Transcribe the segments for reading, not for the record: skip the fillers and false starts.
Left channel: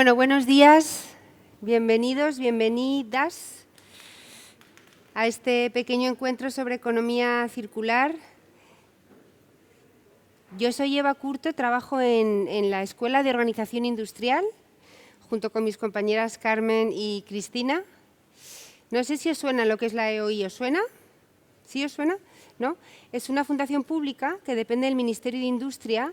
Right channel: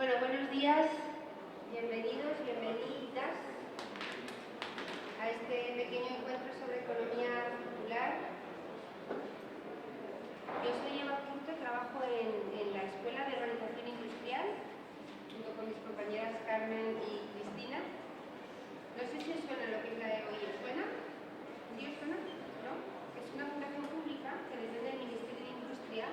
Bueno, buenos días, bienvenidos, bienvenidas a este pequeño encuentro sobre economía circular. Yo soy Eva Curto, trabajo en la Escuela de Organización Industrial, junto con mis compañeras Carmen y Cristina. No sé si os suena lo que es la EOI, ¿os suena? ¿Sí os suena? ¿No? Es una fundación pública que depende del Ministerio de Industria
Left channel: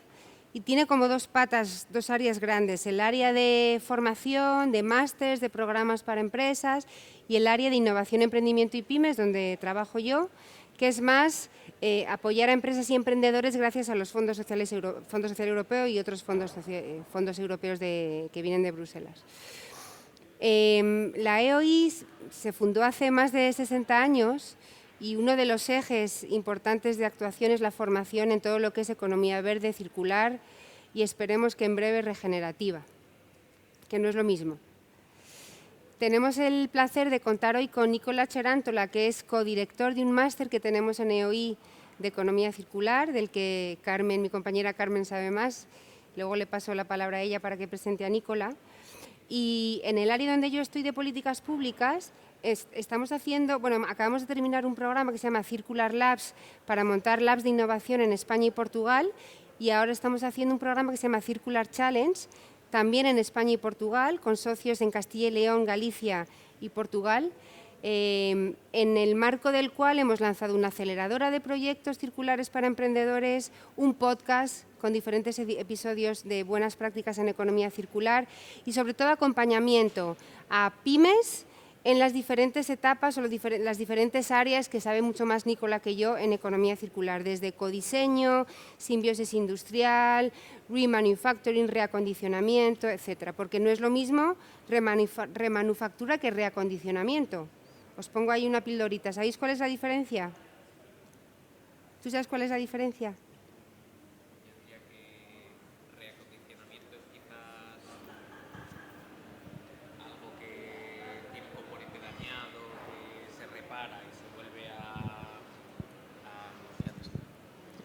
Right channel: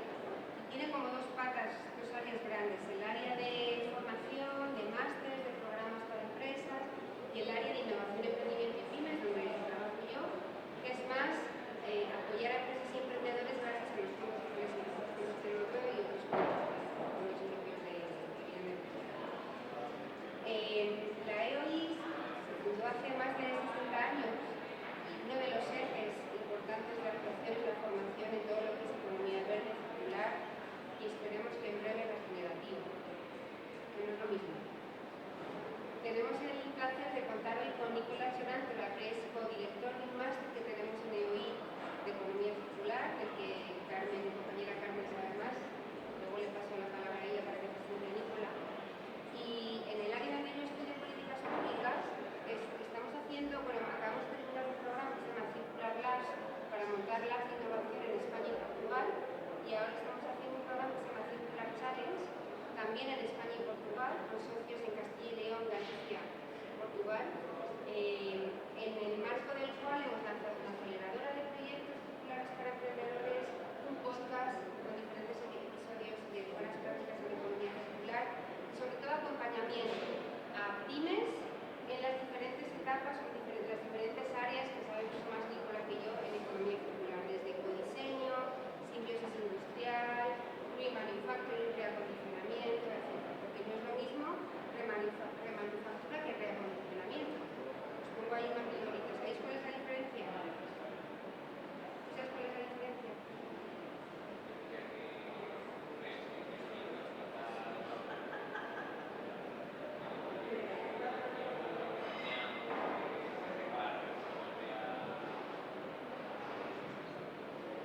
y tiene como dos patas, dos áreas grandes, el área de formación, de másters, de programas para empresas y el área de innovación, emprendimiento y pymes, donde trabajo yo, que es más apoyar a empresas y emprendedores gracias a los fondos sociales Fondo Social Europeo y otros fondos europeos que vienen de Bruselas. La EOI se fundó hace más de 60 años y uno de los ejes importantes de actuación es la formación en todo lo que es economía verde, circular y esperemos que en breve regenerativa, que no es lo mismo. Tenemos el placer de contar hoy con Nicola Cerantola, que es codirector de un máster que tenemos en EOI de economía circular, del que Carmen, mi compañera Carmen, sabe más. Luego le paso la palabra a ella para que presente a Nicola. Y en el área donde yo estoy de políticas públicas, acabamos de terminar un programa que se llama Circular Labs para montar labs de innovación en España y Portugal, y ahora estamos haciendo un programa que se llama Circular Challenge, también en España y Portugal, con socios en Castilla y León, Galicia y Portugal, en el marco del cual hemos lanzado una aceleradora de proyectos circulares para emprendedores, un podcast con diferentes episodios de buenas prácticas en economía circular y sobre todo acompañamiento a pymes en las diferentes etapas o las diferentes áreas que sabe mucho más Nicola que yo en economía circular, desde codiseño, simbiosis industrial, remanufacturing, reacondicionamiento, etcétera, porque no es lo mismo remanufactura que reacondicionamiento. Os pongo ahí una pildorita. ¿Sabéis cuál es la diferencia? ¿Tú sabes cuál es la diferencia?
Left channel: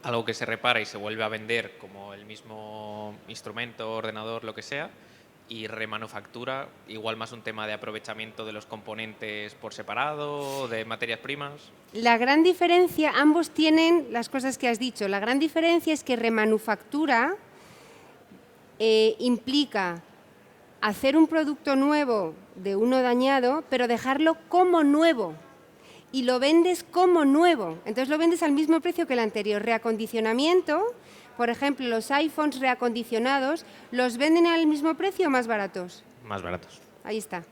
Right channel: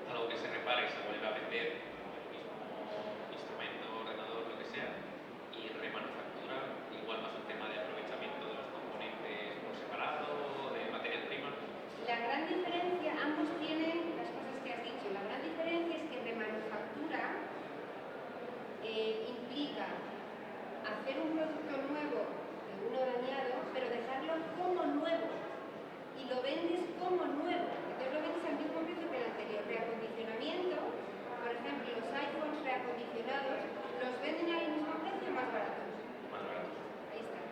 Algo que se repara y se vuelve a vender como el mismo instrumento, ordenador, lo que sea, y remanufactura, igual más un tema de aprovechamiento de los componentes por separado, de materias primas. La gran diferencia, ambos tienen las cosas que has dicho. La gran diferencia es que remanufactura implica hacer un producto nuevo de uno dañado, pero dejarlo como nuevo. Y lo vendes como nuevo. Entonces lo vendes al mismo precio que el anterior. Reacondicionamiento, por ejemplo, los iPhones reacondicionados, ¿los venden al mismo precio o más baratos? Más baratos. Ahí está.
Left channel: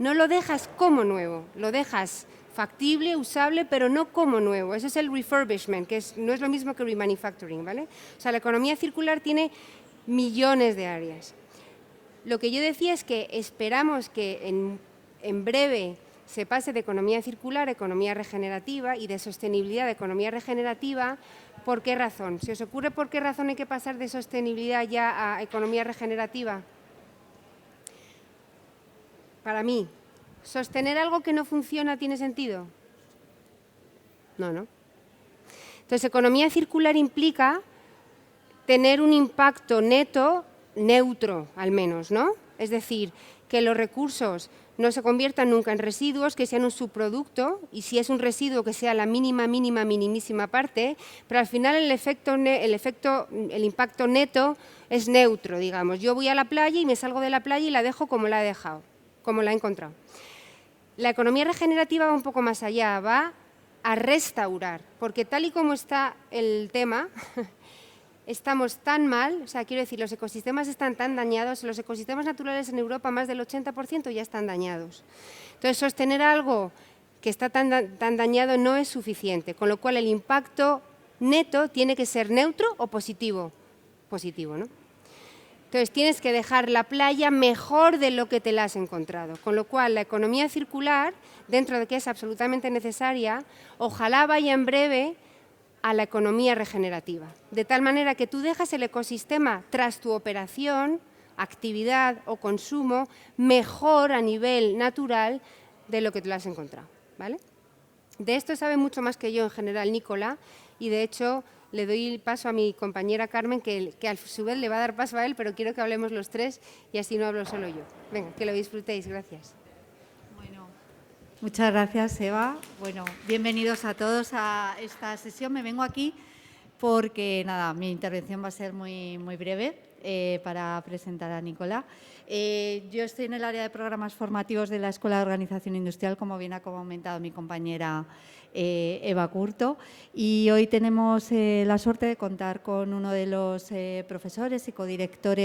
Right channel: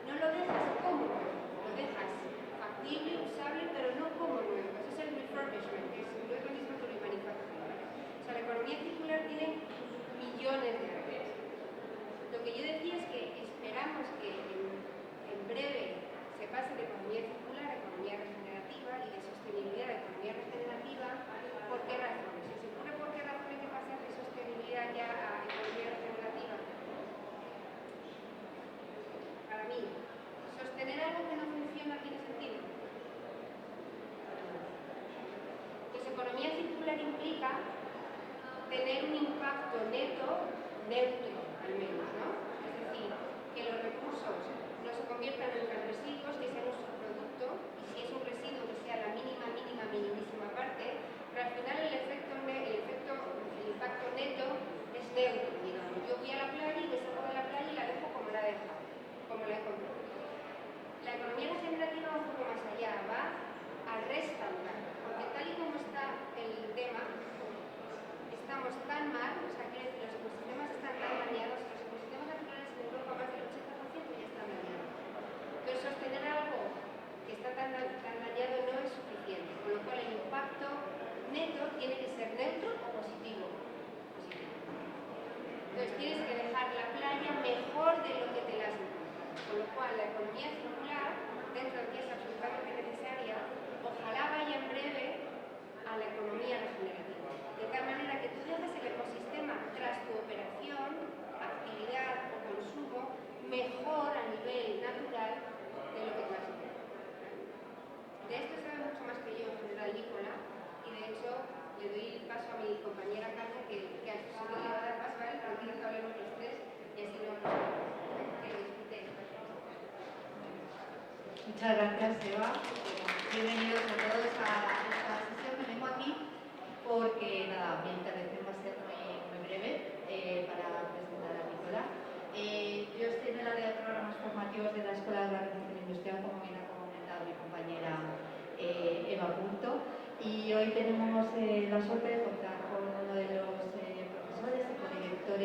No lo dejas como nuevo, lo dejas factible, usable, pero no como nuevo. Eso es el refurbishment, que no es lo mismo que remanufacturing, ¿vale? O sea, la economía circular tiene millones de áreas. Lo que yo decía es que esperamos que en breve se pase de economía circular a economía regenerativa y de sostenibilidad a economía regenerativa. ¿Por qué razón? ¿Se os ocurre por qué razón hay que pasar de sostenibilidad ya a economía regenerativa? Para mí, ¿sostener algo que no funciona tiene sentido? No, ¿no? Entonces, economía circular implica tener un impacto neto neutro, al menos, ¿no? Es decir, que los recursos no se conviertan nunca en residuos, que sean un subproducto, y si es un residuo que sea la minimísima parte, pero al final el impacto neto es neutro, digamos. Yo voy a la playa y me salgo de la playa y la dejo como la he dejado, como la he encontrado. La economía regenerativa va un poco más allá, va a restaurar, porque tal y como está el tema, estamos tan mal, o sea, quiero decir, los ecosistemas están tan dañados, los ecosistemas naturales en Europa más del 80% ya están dañados. Entonces, sostener algo que está tan dañado no es suficiente, con lo cual el impacto neto tiene que ser neutro o positivo. Positivo, ¿no? Entonces, tienes que dejar la playa mejor de lo que te la has encontrado, con lo cual la economía circular, dentro de que es absolutamente necesaria, ojalá vaya en breve a la economía regenerativa, de tal manera que tú dejas el ecosistema tras tu operación, actividad o consumo mejor a nivel natural de lo que te lo has encontrado, ¿vale? De esto sabe mucho más que yo en general Nicola y de hecho le doy el paso a mi compañera Carmen, que a su vez le va a dar paso a él, pero quiero que hablemos los tres y así no hablo solo yo. Venga, que lo disfrutéis. Gracias. Muchas gracias, Eva. Bueno, bienvenidos a todos a esta sesión. Me vengo aquí porque, nada, mi intervención va a ser muy breve para presentar a Nicola. Yo estoy en el área de programas formativos de la Escuela de Organización Industrial, como bien ha comentado mi compañera Eva Curto, y hoy tenemos la suerte de contar con uno de los profesores y codirector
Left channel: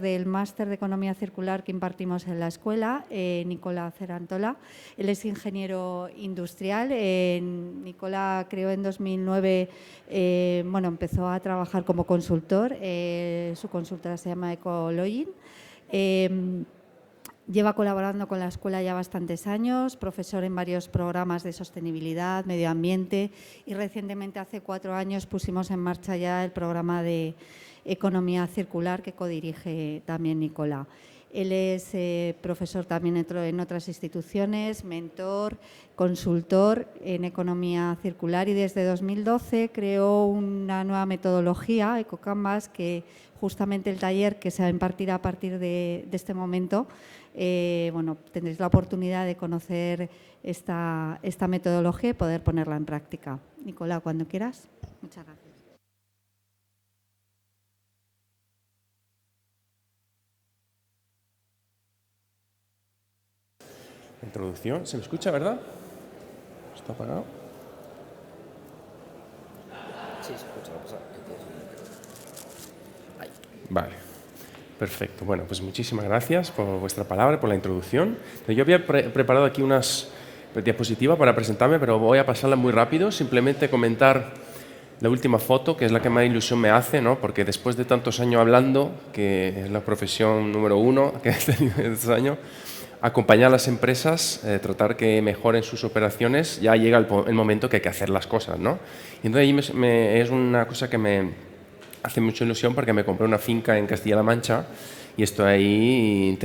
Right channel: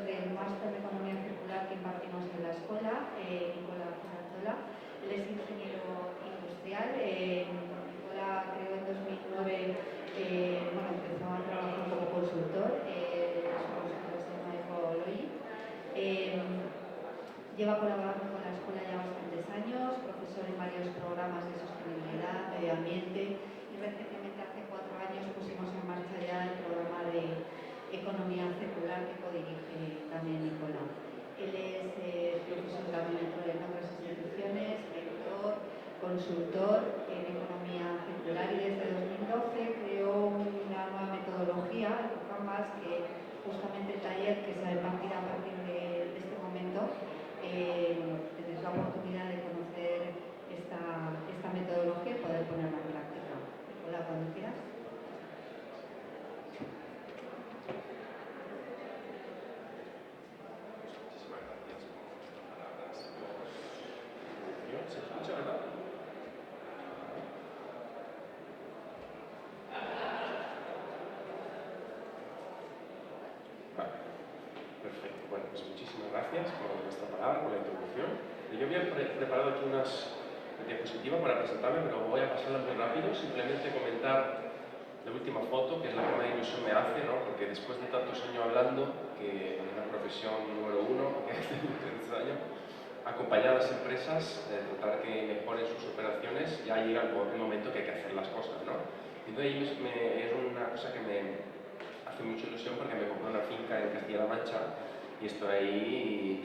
del máster de Economía Circular que impartimos en la escuela, Nicola Cerantola. Él es ingeniero industrial. Nicola creó en 2009, empezó a trabajar como consultor. Su consultora se llama Ecologin. Lleva colaborando con la escuela ya bastantes años, profesor en varios programas de sostenibilidad, medio ambiente, y recientemente, hace 4 años, pusimos en marcha ya el programa de Economía Circular que codirige también Nicola. Él es profesor también en otras instituciones, mentor, consultor en Economía Circular, y desde 2012 creó una nueva metodología, EcoCanvas, que justamente el taller que se va a impartir a partir de este momento, tendréis la oportunidad de conocer esta metodología y poder ponerla en práctica. Nicola, cuando quieras. Muchas gracias. Introducción, ¿se me escucha, verdad? ¿Está apagado? Sí, se escucha. Vale, perfecto. Bueno, pues muchísimas gracias por vuestra palabra, por la introducción. Yo había preparado aquí unas diapositivas para presentarme, pero voy a pasarlas muy rápido. Simplemente comentar la última foto, que es la que más ilusión me hace, ¿no? Porque después de tantos años hablando, que es la profesión número 1 que he tenido estos años, acompañar a las empresas, tratar que mejoren sus operaciones, ya llega el momento que hay que hacer las cosas, ¿no? Y entonces es una cosa que me hace mucha ilusión, porque me compré una finca en Castilla-La Mancha y estoy ahí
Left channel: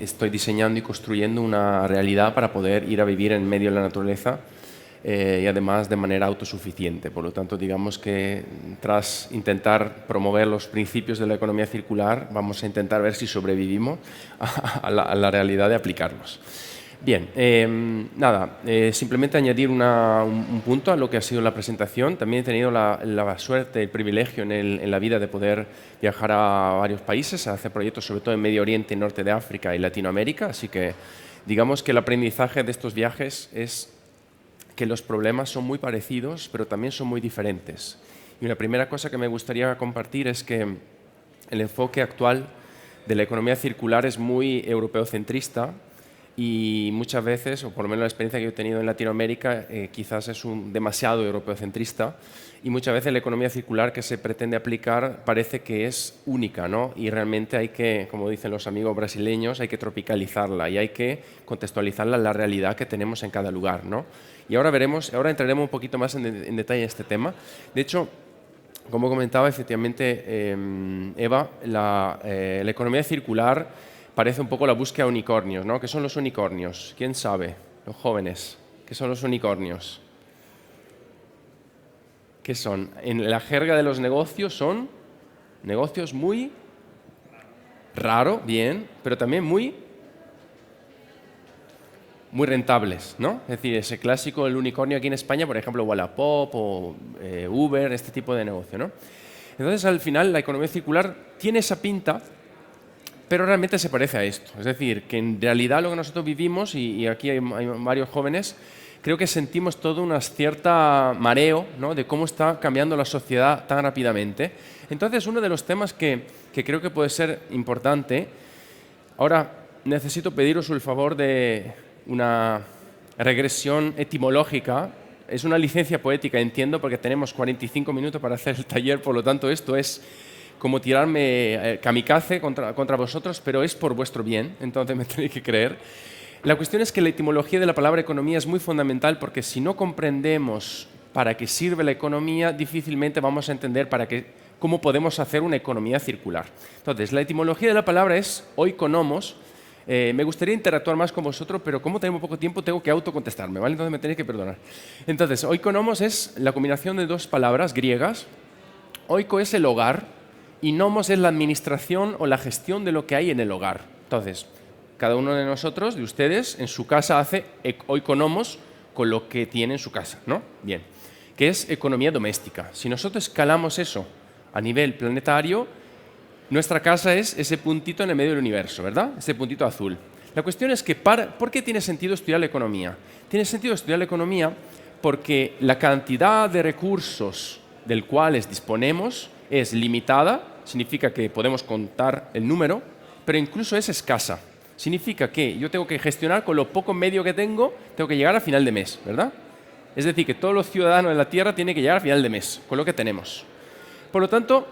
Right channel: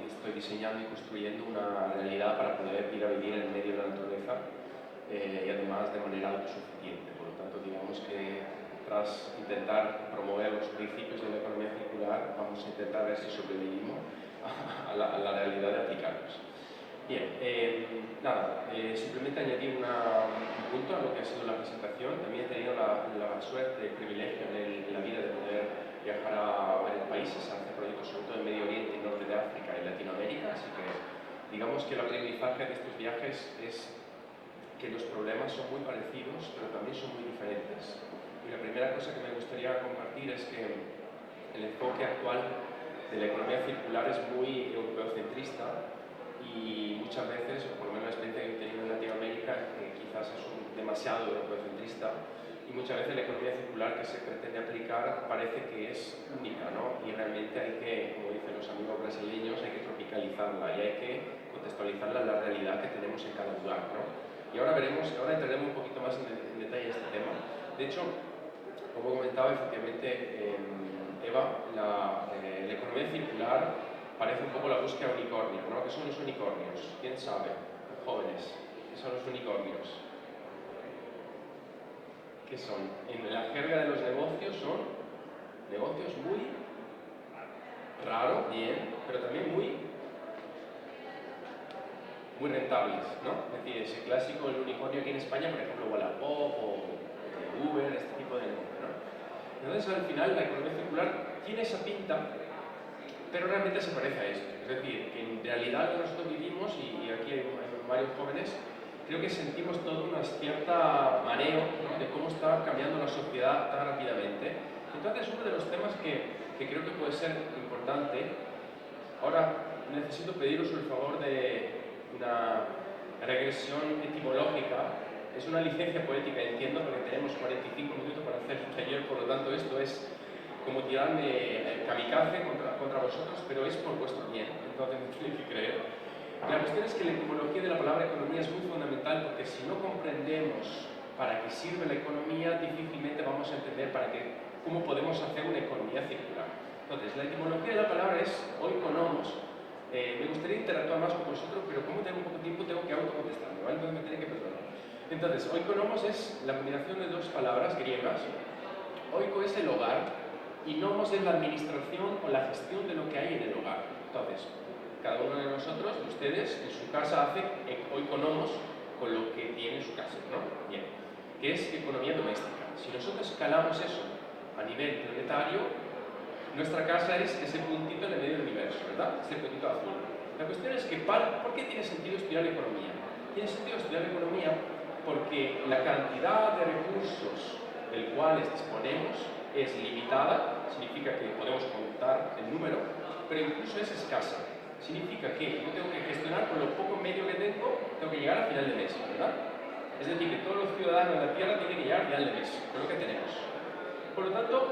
estoy diseñando y construyendo una realidad para poder ir a vivir en medio de la naturaleza y además de manera autosuficiente. Por lo tanto, digamos que tras intentar promover los principios de la economía circular, vamos a intentar ver si sobrevivimos a la realidad de aplicarlos. Bien, simplemente añadir un punto a lo que ha sido la presentación. También he tenido la suerte, el privilegio en la vida de poder viajar a varios países, a hacer proyectos sobre todo en Medio Oriente, Norte de África y Latinoamérica, así que digamos que el aprendizaje de estos viajes es que los problemas son muy parecidos, pero también son muy diferentes. Y la primera cosa que me gustaría compartir es que el enfoque actual de la economía circular es muy europeocentrista, y muchas veces, o por lo menos la experiencia que yo he tenido en Latinoamérica, quizás es demasiado europeocentrista, y muchas veces la economía circular que se pretende aplicar parece que es única, ¿no? Y realmente hay que, como dicen los amigos brasileños, hay que tropicalizarla y hay que contextualizarla en la realidad que tenemos en cada lugar, ¿no? Y ahora entraremos un poquito más en detalle en este tema. De hecho, como comentaba efectivamente Eva, la economía circular parece un poco la búsqueda de unicornios, ¿no? ¿Qué son los unicornios? ¿Quién sabe? Los jóvenes. ¿Qué son los unicornios? ¿Qué son? En la jerga de los negocios son negocios muy raro, bien, pero también muy rentables, ¿no? Es decir, ese clásico, el unicornio aquí en España, por ejemplo, Wallapop o Uber, este tipo de negocio, ¿no? Entonces, al final, la economía circular tiene esa pinta, pero realmente se parece a esto. Es decir, que en realidad lo que nosotros vivimos, y aquí hay varios jóvenes, creo que sentimos todo un cierto mareo, ¿no? De cómo está cambiando la sociedad tan rápidamente. Entonces, uno de los temas que creo que puede ser importante, ahora necesito pediros el favor de una regresión etimológica. Es una licencia poética, entiendo, porque tenemos 45 minutos para hacer el taller, por lo tanto esto es como tirarme kamikaze contra vosotros, pero es por vuestro bien, entonces me tenéis que creer. La cuestión es que la etimología de la palabra economía es muy fundamental, porque si no comprendemos para qué sirve la economía, difícilmente vamos a entender cómo podemos hacer una economía circular. Entonces, la etimología de la palabra es oikonomos, Me gustaría interactuar más con vosotros, pero como tengo poco tiempo, tengo que autocontestarme, ¿vale? Entonces me tenéis que perdonar. Entonces, oikonomos es la combinación de dos palabras griegas. Oiko es el hogar y nomos es la administración o la gestión de lo que hay en el hogar. Entonces, cada uno de nosotros, de ustedes, en su casa hace oikonomos con lo que tiene en su casa, ¿no? Bien, que es economía doméstica. Si nosotros escalamos eso a nivel planetario, nuestra casa es ese puntito en el medio del universo, ¿verdad? Ese puntito azul. La cuestión es que, ¿por qué tiene sentido estudiar la economía? Tiene sentido estudiar la economía porque la cantidad de recursos del cuales disponemos es limitada, significa que podemos contar el número, pero incluso es escasa. Significa que yo tengo que gestionar con lo poco medio que tengo que llegar a final de mes, ¿verdad? Es decir, que todos los ciudadanos de la Tierra tienen que llegar a final de mes, con lo que tenemos. Por lo tanto,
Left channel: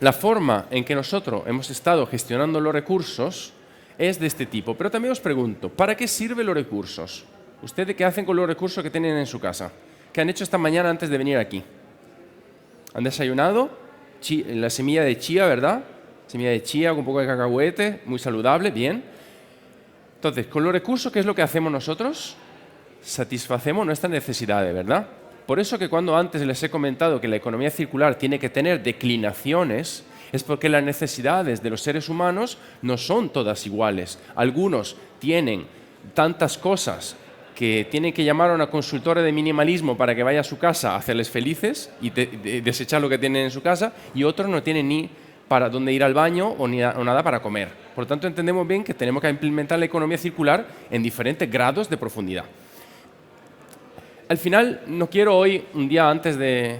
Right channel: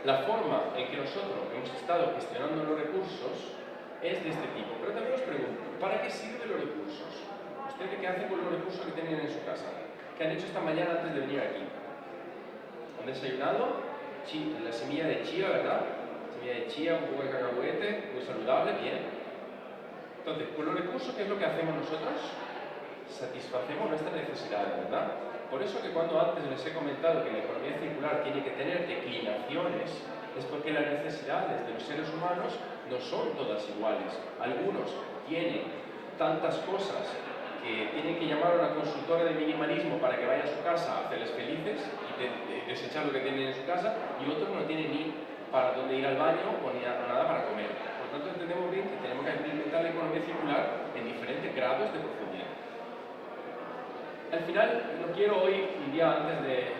la forma en que nosotros hemos estado gestionando los recursos es de este tipo. Pero también os pregunto, ¿para qué sirven los recursos? ¿Ustedes qué hacen con los recursos que tienen en su casa? ¿Qué han hecho esta mañana antes de venir aquí? ¿Han desayunado? La semilla de chía, ¿verdad? Semilla de chía con un poco de cacahuete, muy saludable, bien. Entonces, con los recursos, ¿qué es lo que hacemos nosotros? Satisfacemos nuestras necesidades, ¿verdad? Por eso que cuando antes les he comentado que la economía circular tiene que tener declinaciones, es porque las necesidades de los seres humanos no son todas iguales. Algunos tienen tantas cosas que tienen que llamar a una consultora de minimalismo para que vaya a su casa a hacerles felices y desechar lo que tienen en su casa, y otros no tienen ni para dónde ir al baño o nada para comer. Por lo tanto, entendemos bien que tenemos que implementar la economía circular en diferentes grados de profundidad. Al final, no quiero hoy, un día antes de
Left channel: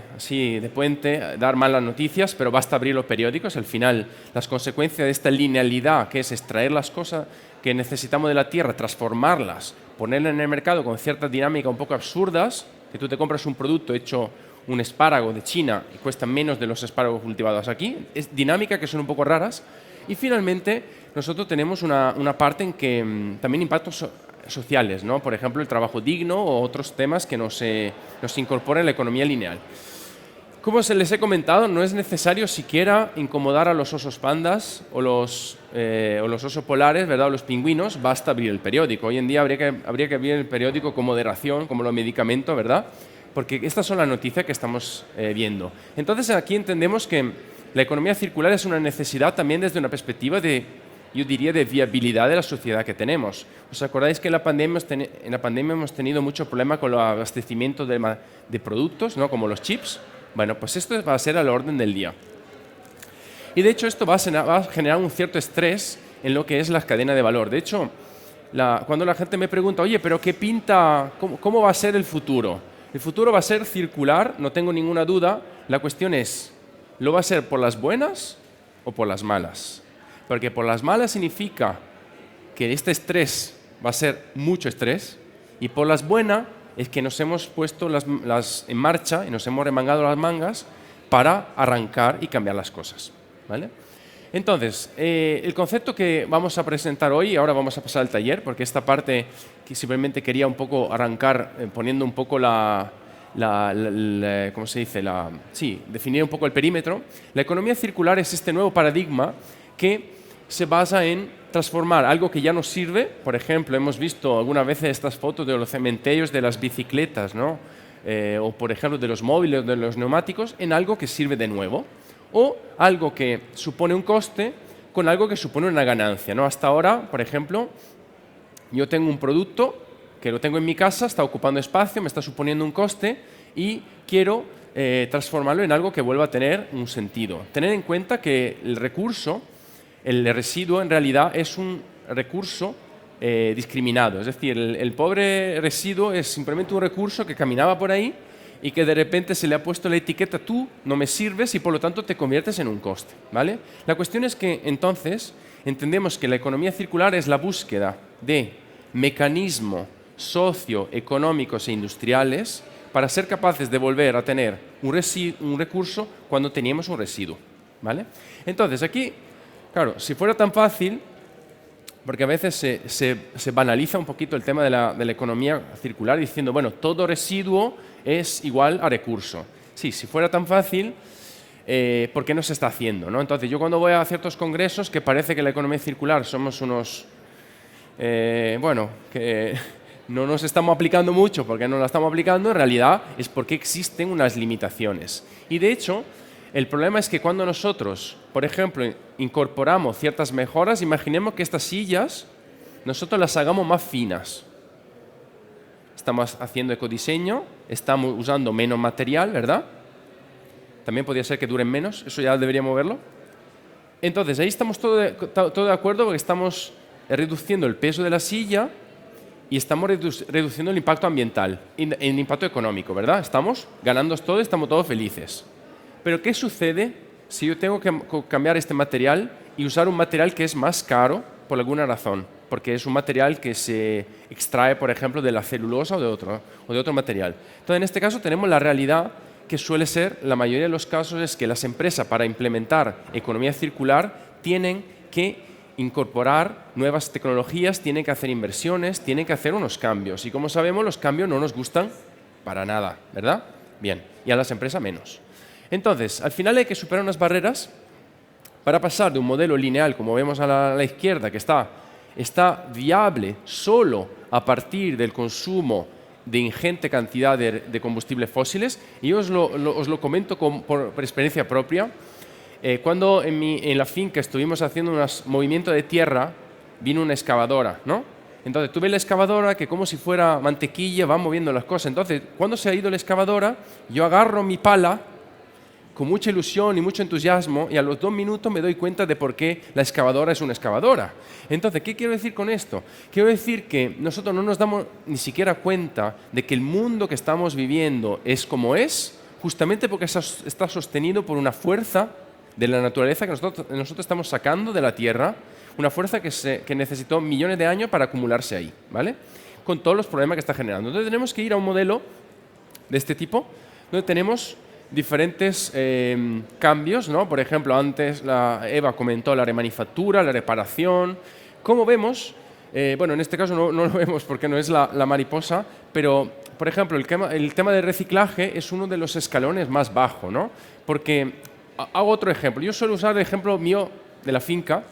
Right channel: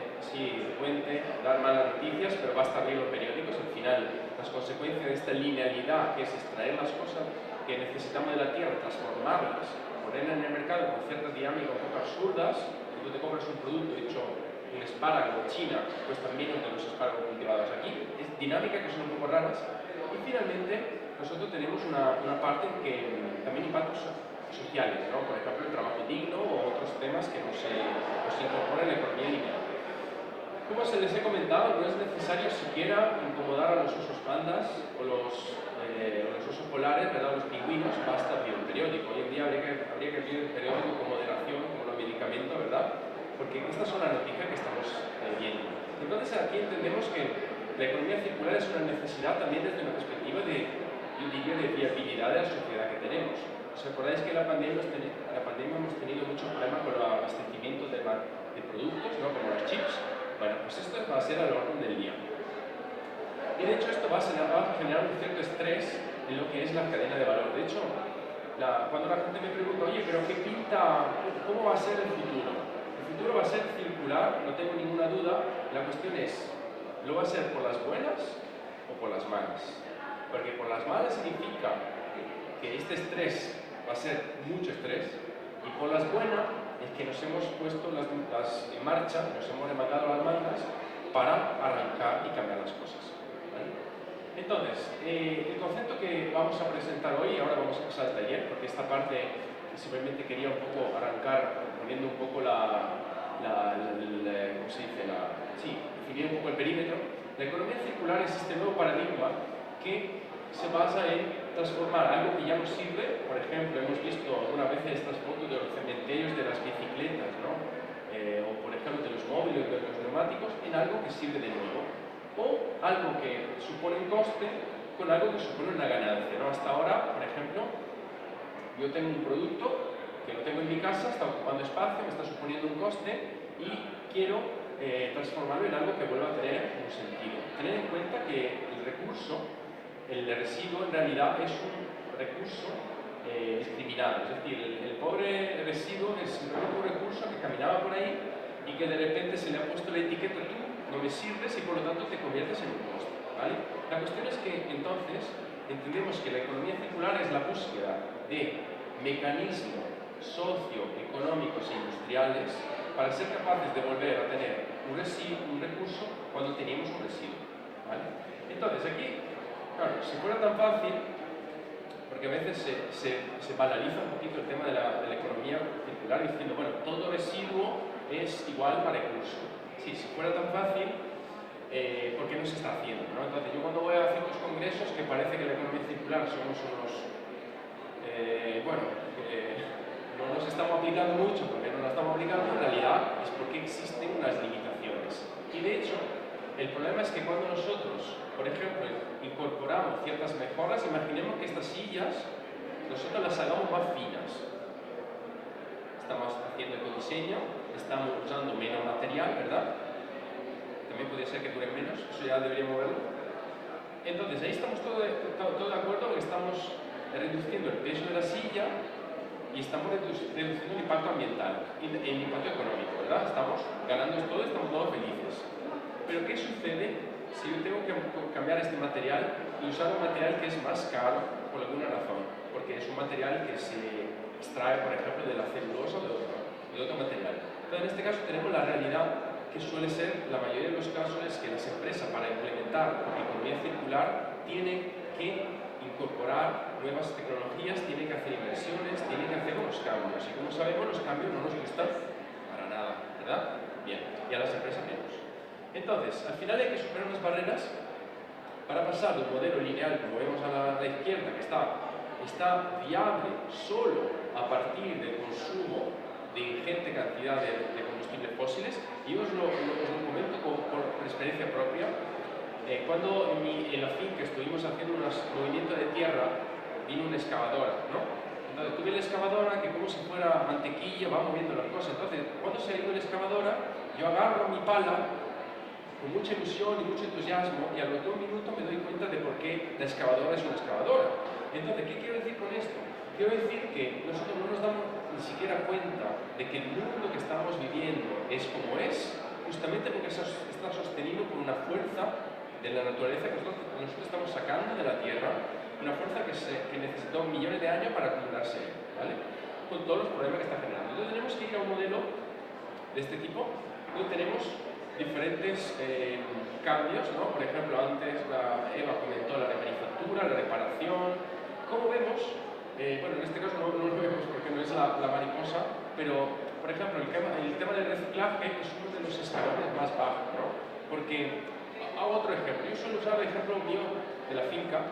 puente, dar malas noticias, pero basta abrir los periódicos. Al final, las consecuencias de esta linealidad, que es extraer las cosas que necesitamos de la tierra, transformarlas, ponerlas en el mercado con ciertas dinámicas un poco absurdas, que tú te compras un producto hecho un espárrago de China, que cuesta menos de los espárragos cultivados aquí, es dinámica que son un poco raras. Y finalmente, nosotros tenemos una parte en que también impactos sociales, ¿no? Por ejemplo, el trabajo digno o otros temas que nos incorporan en la economía lineal. Como se les he comentado, no es necesario siquiera incomodar a los osos pandas o los osos polares, ¿verdad? O los pingüinos, basta abrir el periódico. Hoy en día habría que abrir el periódico con moderación, como los medicamentos, ¿verdad? Porque estas son las noticias que estamos viendo. Entonces, aquí entendemos que la economía circular es una necesidad también desde una perspectiva yo diría, de viabilidad de la sociedad que tenemos. ¿Os acordáis que en la pandemia hemos tenido mucho problema con el abastecimiento de productos, ¿no? Como los chips? Bueno, pues esto va a ser al orden del día. Y de hecho esto va a generar un cierto estrés en lo que es la cadena de valor. De hecho, cuando la gente me pregunta, oye, pero ¿qué pinta? ¿Cómo va a ser el futuro? El futuro va a ser circular, no tengo ninguna duda. La cuestión es, ¿lo va a ser por las buenas o por las malas? Porque por las malas significa que este estrés va a ser mucho estrés, y por las buenas es que nos hemos puesto en marcha y nos hemos remangado las mangas para arrancar y cambiar las cosas, ¿vale? Entonces, el concepto que vamos a presentar hoy, ahora vamos a pasar al taller, porque esta parte que simplemente quería un poco arrancar poniendo un poco ¿cómo se dice? Definir un poco el perímetro. La economía circular es este nuevo paradigma que se basa en transformar algo que ya nos sirve. Por ejemplo, hemos visto algunas veces estas fotos de los cementerios de las bicicletas, ¿no? O por ejemplo de los móviles, de los neumáticos, en algo que sirve de nuevo, o algo que supone un coste con algo que supone una ganancia, ¿no? Hasta ahora, por ejemplo, yo tengo un producto que lo tengo en mi casa, está ocupando espacio, me está suponiendo un coste y quiero transformarlo en algo que vuelva a tener un sentido. Tener en cuenta que el residuo en realidad es un recurso discriminado. Es decir, el pobre residuo es simplemente un recurso que caminaba por ahí y que de repente se le ha puesto la etiqueta tú no me sirves y por lo tanto te conviertes en un coste, ¿vale? La cuestión es que entonces entendemos que la economía circular es la búsqueda de mecanismos socioeconómicos e industriales para ser capaces de volver a tener un recurso cuando teníamos un residuo, ¿vale? Entonces aquí, claro, si fuera tan fácil, porque a veces se banaliza un poquito el tema de la economía circular diciendo, bueno, todo residuo es igual a recurso. Sí, si fuera tan fácil, ¿por qué no se está haciendo, ¿no? Entonces, yo cuando voy a ciertos congresos que parece que la economía circular somos unos bueno, que no nos estamos aplicando mucho porque no la estamos aplicando, en realidad es porque existen unas limitaciones. Y de hecho, el problema es que cuando nosotros, por ejemplo, incorporamos ciertas mejoras, imaginemos que estas sillas nosotros las hagamos más finas. Estamos haciendo ecodiseño, estamos usando menos material, ¿verdad? También podría ser que duren menos, eso ya deberíamos verlo. Entonces, ahí estamos todo de acuerdo porque estamos reduciendo el peso de la silla y estamos reduciendo el impacto ambiental y el impacto económico, ¿verdad? Estamos ganando todo, estamos todos felices. Pero ¿qué sucede si yo tengo que cambiar este material y usar un material que es más caro por alguna razón? Porque es un material que se extrae, por ejemplo, de la celulosa o de otro material. Entonces, en este caso tenemos la realidad que suele ser, la mayoría de los casos, es que las empresas para implementar economía circular tienen que incorporar nuevas tecnologías, tienen que hacer inversiones, tienen que hacer unos cambios. Y como sabemos, los cambios no nos gustan para nada, ¿verdad? Bien, y a las empresas menos. Entonces, al final hay que superar unas barreras para pasar de un modelo lineal, como vemos a la izquierda, que está viable solo a partir del consumo de ingente cantidad de combustibles fósiles. Y os lo comento por experiencia propia. Cuando en la finca estuvimos haciendo un movimiento de tierra, vino una excavadora, ¿no? Entonces tuve la excavadora que como si fuera mantequilla va moviendo las cosas. Entonces, cuando se ha ido la excavadora, yo agarro mi pala con mucha ilusión y mucho entusiasmo y a los 2 minutos me doy cuenta de por qué la excavadora es una excavadora. Entonces, ¿qué quiero decir con esto? Quiero decir que nosotros no nos damos ni siquiera cuenta de que el mundo que estamos viviendo es como es, justamente porque está sostenido por una fuerza de la naturaleza que nosotros estamos sacando de la Tierra, una fuerza que necesitó millones de años para acumularse ahí, ¿vale? Con todos los problemas que está generando. Entonces tenemos que ir a un modelo de este tipo, donde tenemos diferentes cambios, ¿no? Por ejemplo, antes Eva comentó la remanufactura, la reparación. Como vemos, bueno, en este caso no lo vemos porque no es la mariposa, pero, por ejemplo, el tema del reciclaje es uno de los escalones más bajos, ¿no? Porque, hago otro ejemplo. Yo suelo usar el ejemplo mío de la finca.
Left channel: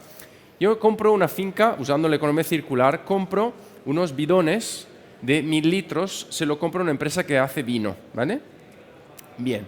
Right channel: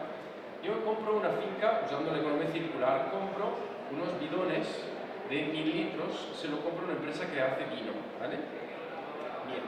Yo compro una finca, usando la economía circular, compro unos bidones de 1000 litros, se lo compro a una empresa que hace vino, ¿vale? Bien.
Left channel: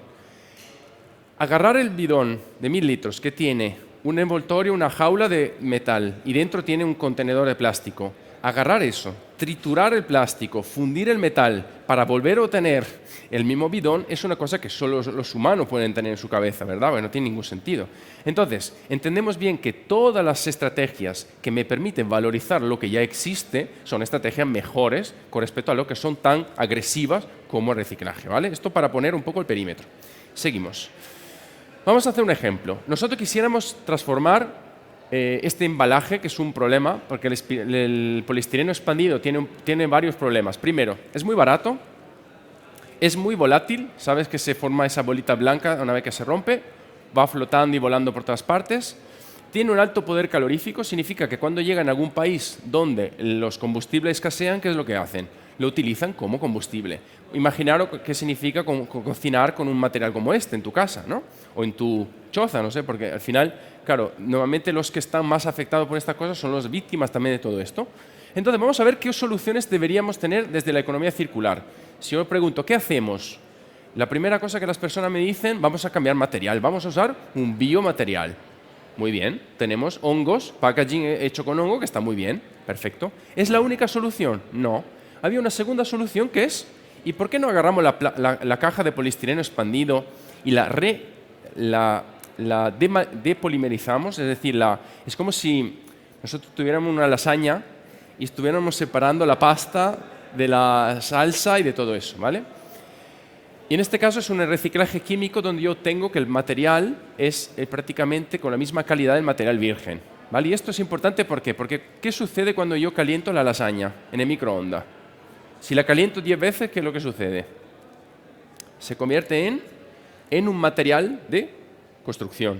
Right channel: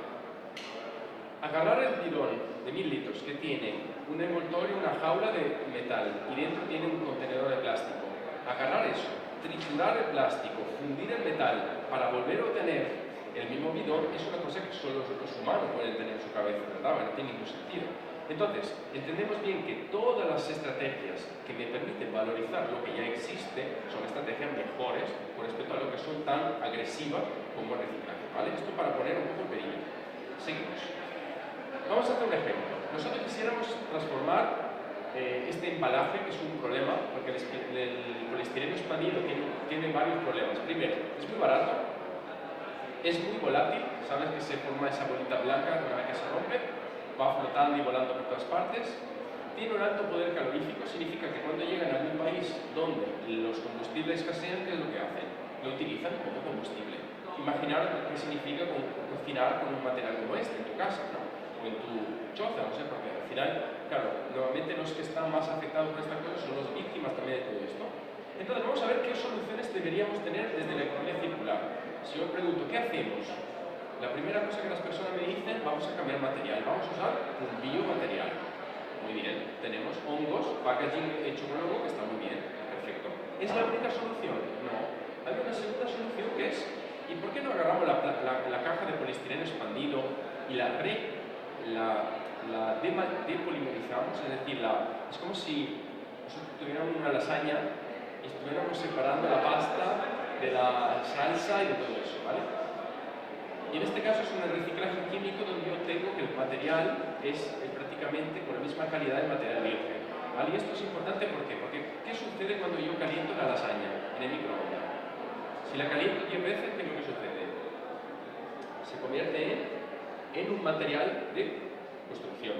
Agarrar el bidón de 1000 litros que tiene un envoltorio, una jaula de metal y dentro tiene un contenedor de plástico. Agarrar eso, triturar el plástico, fundir el metal para volver a obtener el mismo bidón es una cosa que solo los humanos pueden tener en su cabeza, ¿verdad? Porque no tiene ningún sentido. Entonces, entendemos bien que todas las estrategias que me permiten valorizar lo que ya existe son estrategias mejores con respecto a lo que son tan agresivas como el reciclaje, ¿vale? Esto para poner un poco el perímetro. Seguimos. Vamos a hacer un ejemplo. Nosotros quisiéramos transformar este embalaje, que es un problema, porque el poliestireno expandido tiene varios problemas. Primero, es muy barato, es muy volátil, sabes que se forma esa bolita blanca una vez que se rompe, va flotando y volando por todas partes. Tiene un alto poder calorífico, significa que cuando llega en algún país donde los combustibles escasean, ¿qué es lo que hacen? Lo utilizan como combustible. Imaginaros qué significa cocinar con un material como este en tu casa, ¿no? O en tu choza, no sé, porque al final, claro, normalmente los que están más afectados por estas cosas son las víctimas también de todo esto. Entonces, vamos a ver qué soluciones deberíamos tener desde la economía circular. Si yo pregunto, ¿qué hacemos? La primera cosa que las personas me dicen, vamos a cambiar material, vamos a usar un biomaterial. Muy bien, tenemos hongos, packaging hecho con hongo, que está muy bien, perfecto. ¿Es la única solución? No. Había una segunda solución que es, ¿y por qué no agarramos la caja de poliestireno expandido y la depolimerizamos? Es decir, es como si nosotros tuviéramos una lasaña y estuviéramos separando la pasta de la salsa y de todo eso, ¿vale? Y en este caso es un reciclaje químico donde yo tengo que el material es prácticamente con la misma calidad del material virgen, ¿vale? Y esto es importante, ¿por qué? Porque ¿qué sucede cuando yo caliento la lasaña en el microondas? Si la caliento 10 veces, ¿qué es lo que sucede? Se convierte en un material de construcción,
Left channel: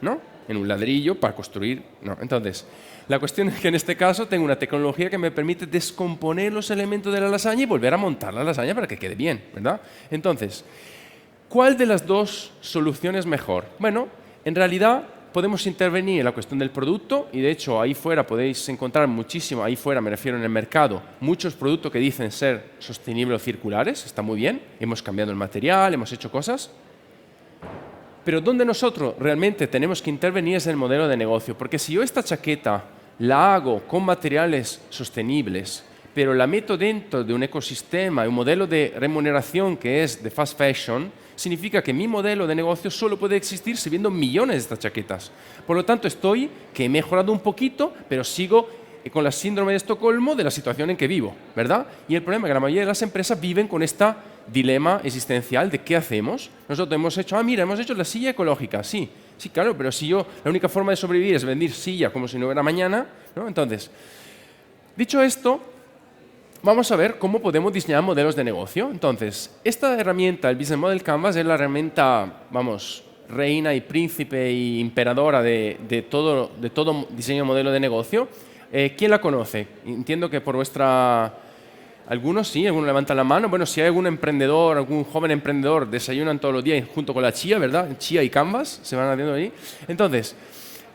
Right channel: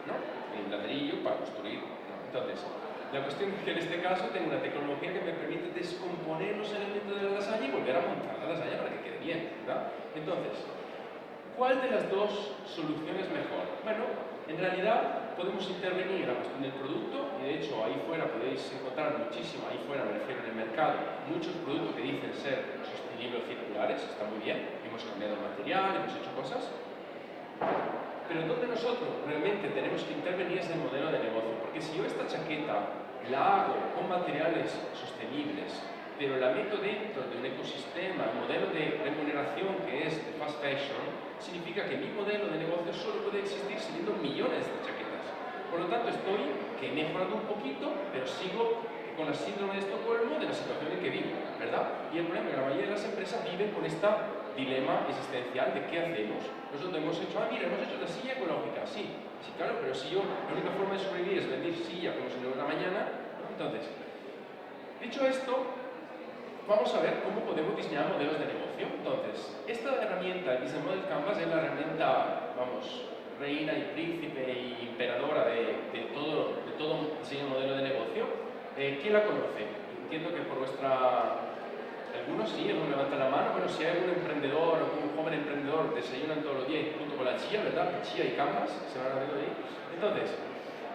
¿no? En un ladrillo para construir, ¿no? Entonces, la cuestión es que en este caso tengo una tecnología que me permite descomponer los elementos de la lasaña y volver a montar la lasaña para que quede bien, ¿verdad? Entonces, ¿cuál de las dos soluciones es mejor? Bueno, en realidad podemos intervenir en la cuestión del producto y de hecho ahí fuera podéis encontrar muchísimo, ahí fuera me refiero en el mercado, muchos productos que dicen ser sostenibles o circulares, está muy bien, hemos cambiado el material, hemos hecho cosas, pero donde nosotros realmente tenemos que intervenir es en el modelo de negocio, porque si yo esta chaqueta la hago con materiales sostenibles, pero la meto dentro de un ecosistema, un modelo de remuneración que es de fast fashion, significa que mi modelo de negocio solo puede existir si vendo millones de estas chaquetas. Por lo tanto, que he mejorado un poquito, pero sigo con la síndrome de Estocolmo de la situación en que vivo, ¿verdad? Y el problema es que la mayoría de las empresas viven con este dilema existencial de ¿qué hacemos? Nosotros hemos hecho, mira, hemos hecho la silla ecológica, sí, claro, pero si la única forma de sobrevivir es vender silla como si no hubiera mañana, ¿no? Entonces, dicho esto, vamos a ver cómo podemos diseñar modelos de negocio. Entonces, esta herramienta, el Business Model Canvas, es la herramienta, reina y príncipe y imperadora de todo diseño de modelo de negocio. ¿Quién la conoce? Entiendo que por vuestra... Algunos sí, algunos levantan la mano. Bueno, si hay algún emprendedor, algún joven emprendedor, desayunan todos los días junto con la chía, ¿verdad? Chía y Canvas se van haciendo ahí. Entonces,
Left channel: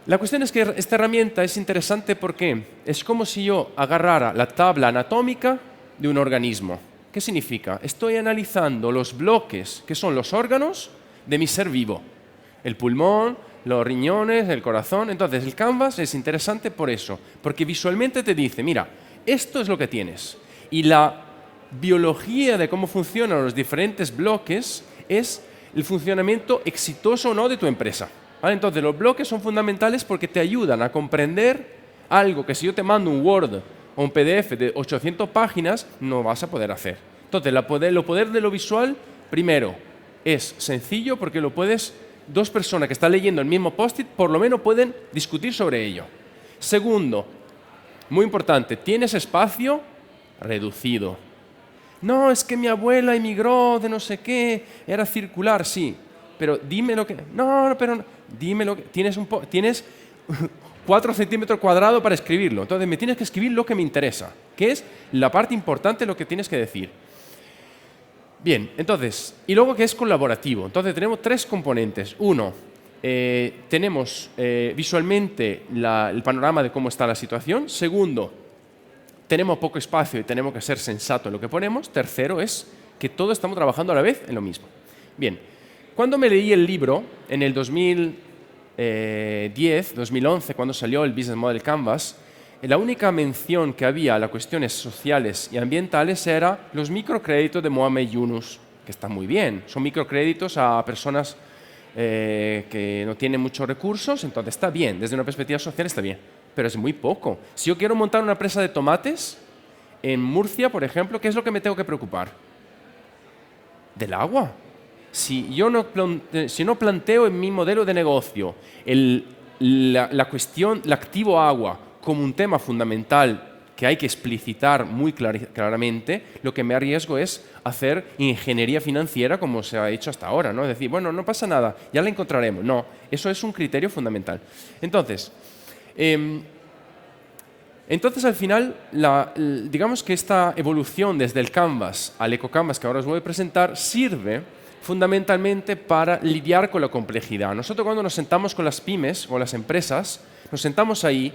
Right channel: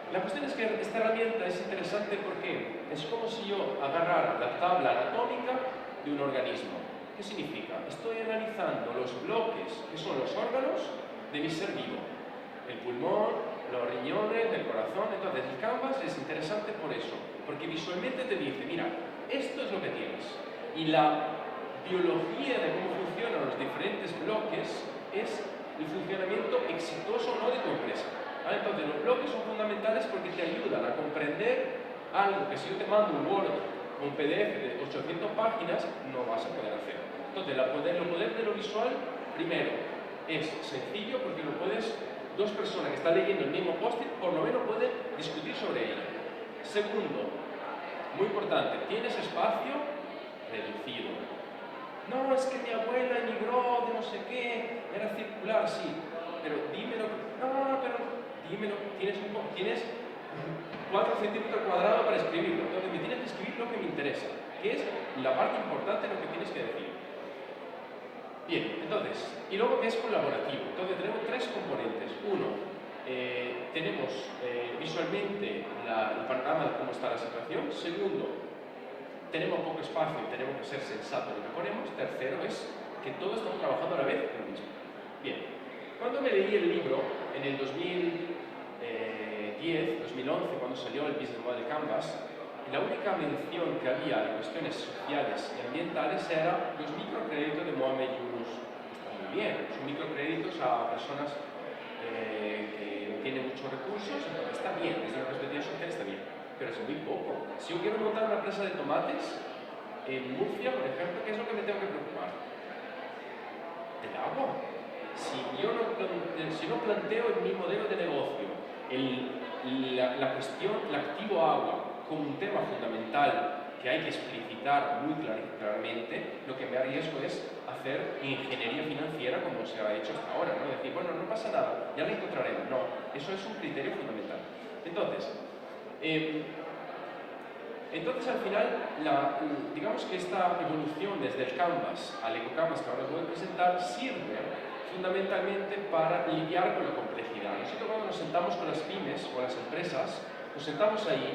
la cuestión es que esta herramienta es interesante porque es como si yo agarrara la tabla anatómica de un organismo. ¿Qué significa? Estoy analizando los bloques, que son los órganos de mi ser vivo. El pulmón, los riñones, el corazón. Entonces, el Canvas es interesante por eso, porque visualmente te dice, mira, esto es lo que tienes. Y la biología de cómo funcionan los diferentes bloques es el funcionamiento exitoso o no de tu empresa. ¿Vale? Entonces, los bloques son fundamentales porque te ayudan a comprender algo que si yo te mando un Word o un PDF de 800 páginas, no vas a poder hacer. Entonces, lo poder de lo visual, primero, es sencillo porque dos personas que están leyendo el mismo post-it, por lo menos pueden discutir sobre ello. Segundo, muy importante, tienes espacio reducido. No, es que mi abuela emigró de no sé qué, era circular, sí, pero dime lo que... No, pero dime lo que... Tienes 4 centímetros cuadrados para escribirlo, entonces me tienes que escribir lo que me interesa, que es la parte importante de lo que tienes que decir. Bien, entonces, y luego que es colaborativo. Entonces tenemos 3 componentes. Uno, tenemos visualmente el panorama de cómo está la situación. Segundo, tenemos poco espacio y tenemos que ser sensatos en lo que ponemos. Tercero es que todos estamos trabajando a la vez en lo mismo. Bien, cuando me leí el libro, en el 2010, 2011, cuando salió el Business Model Canvas, la única mención que había a las cuestiones sociales y ambientales era los microcréditos de Mohamed Yunus, que están muy bien. Son microcréditos a personas que no tienen muchos recursos, entonces está bien, desde una perspectiva social está bien, pero es muy poco. Si yo quiero montar una empresa de tomates en Murcia, por ejemplo, ¿qué es lo que me tengo que preocupar? Del agua. Si no planteo en mi modelo de negocio la cuestión, el activo agua como un tema fundamental que hay que explicitar muy claramente, lo que me arriesgo es hacer ingeniería financiera como se ha hecho hasta ahora, ¿no? Es decir, bueno, no pasa nada, ya la encontraremos. No, eso es un criterio fundamental. Entonces, al final, digamos que esta evolución desde el Canvas al EcoCanvas que ahora os voy a presentar sirve fundamentalmente para lidiar con la complejidad. Nosotros cuando nos sentamos con las pymes o las empresas, nos sentamos ahí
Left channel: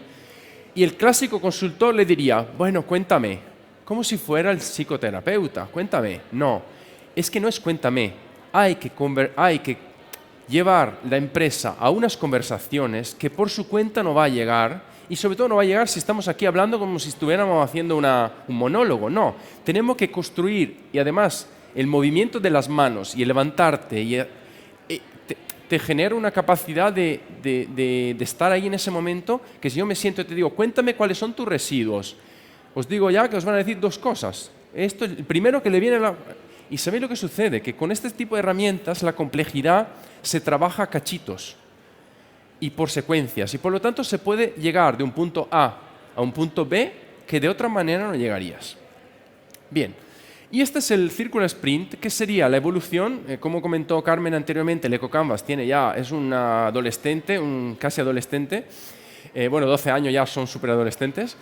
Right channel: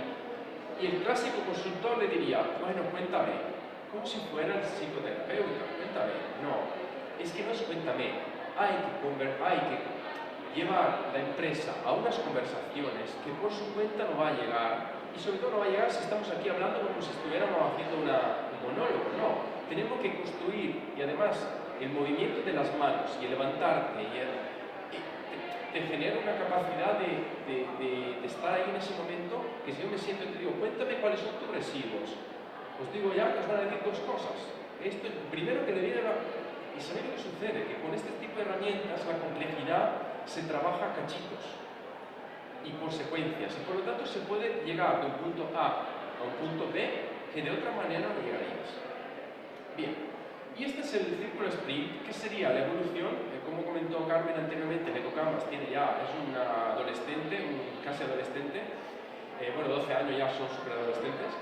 y el clásico consultor le diría, bueno, cuéntame, como si fuera el psicoterapeuta, cuéntame. No, es que no es cuéntame, hay que llevar la empresa a unas conversaciones que por su cuenta no va a llegar, y sobre todo no va a llegar si estamos aquí hablando como si estuviéramos haciendo un monólogo. No, tenemos que construir, y además el movimiento de las manos y el levantarte te genera una capacidad de estar ahí en ese momento, que si yo me siento y te digo, cuéntame cuáles son tus residuos, os digo ya que os van a decir 2 cosas. Esto, el primero que le viene y sabéis lo que sucede, que con este tipo de herramientas la complejidad se trabaja a cachitos y por secuencias, y por lo tanto se puede llegar de un punto A a un punto B que de otra manera no llegarías. Bien. Y este es el Circular Sprint, que sería la evolución, como comentó Carmen anteriormente, el EcoCanvas es un adolescente, casi adolescente, 12 años ya son superadolescentes,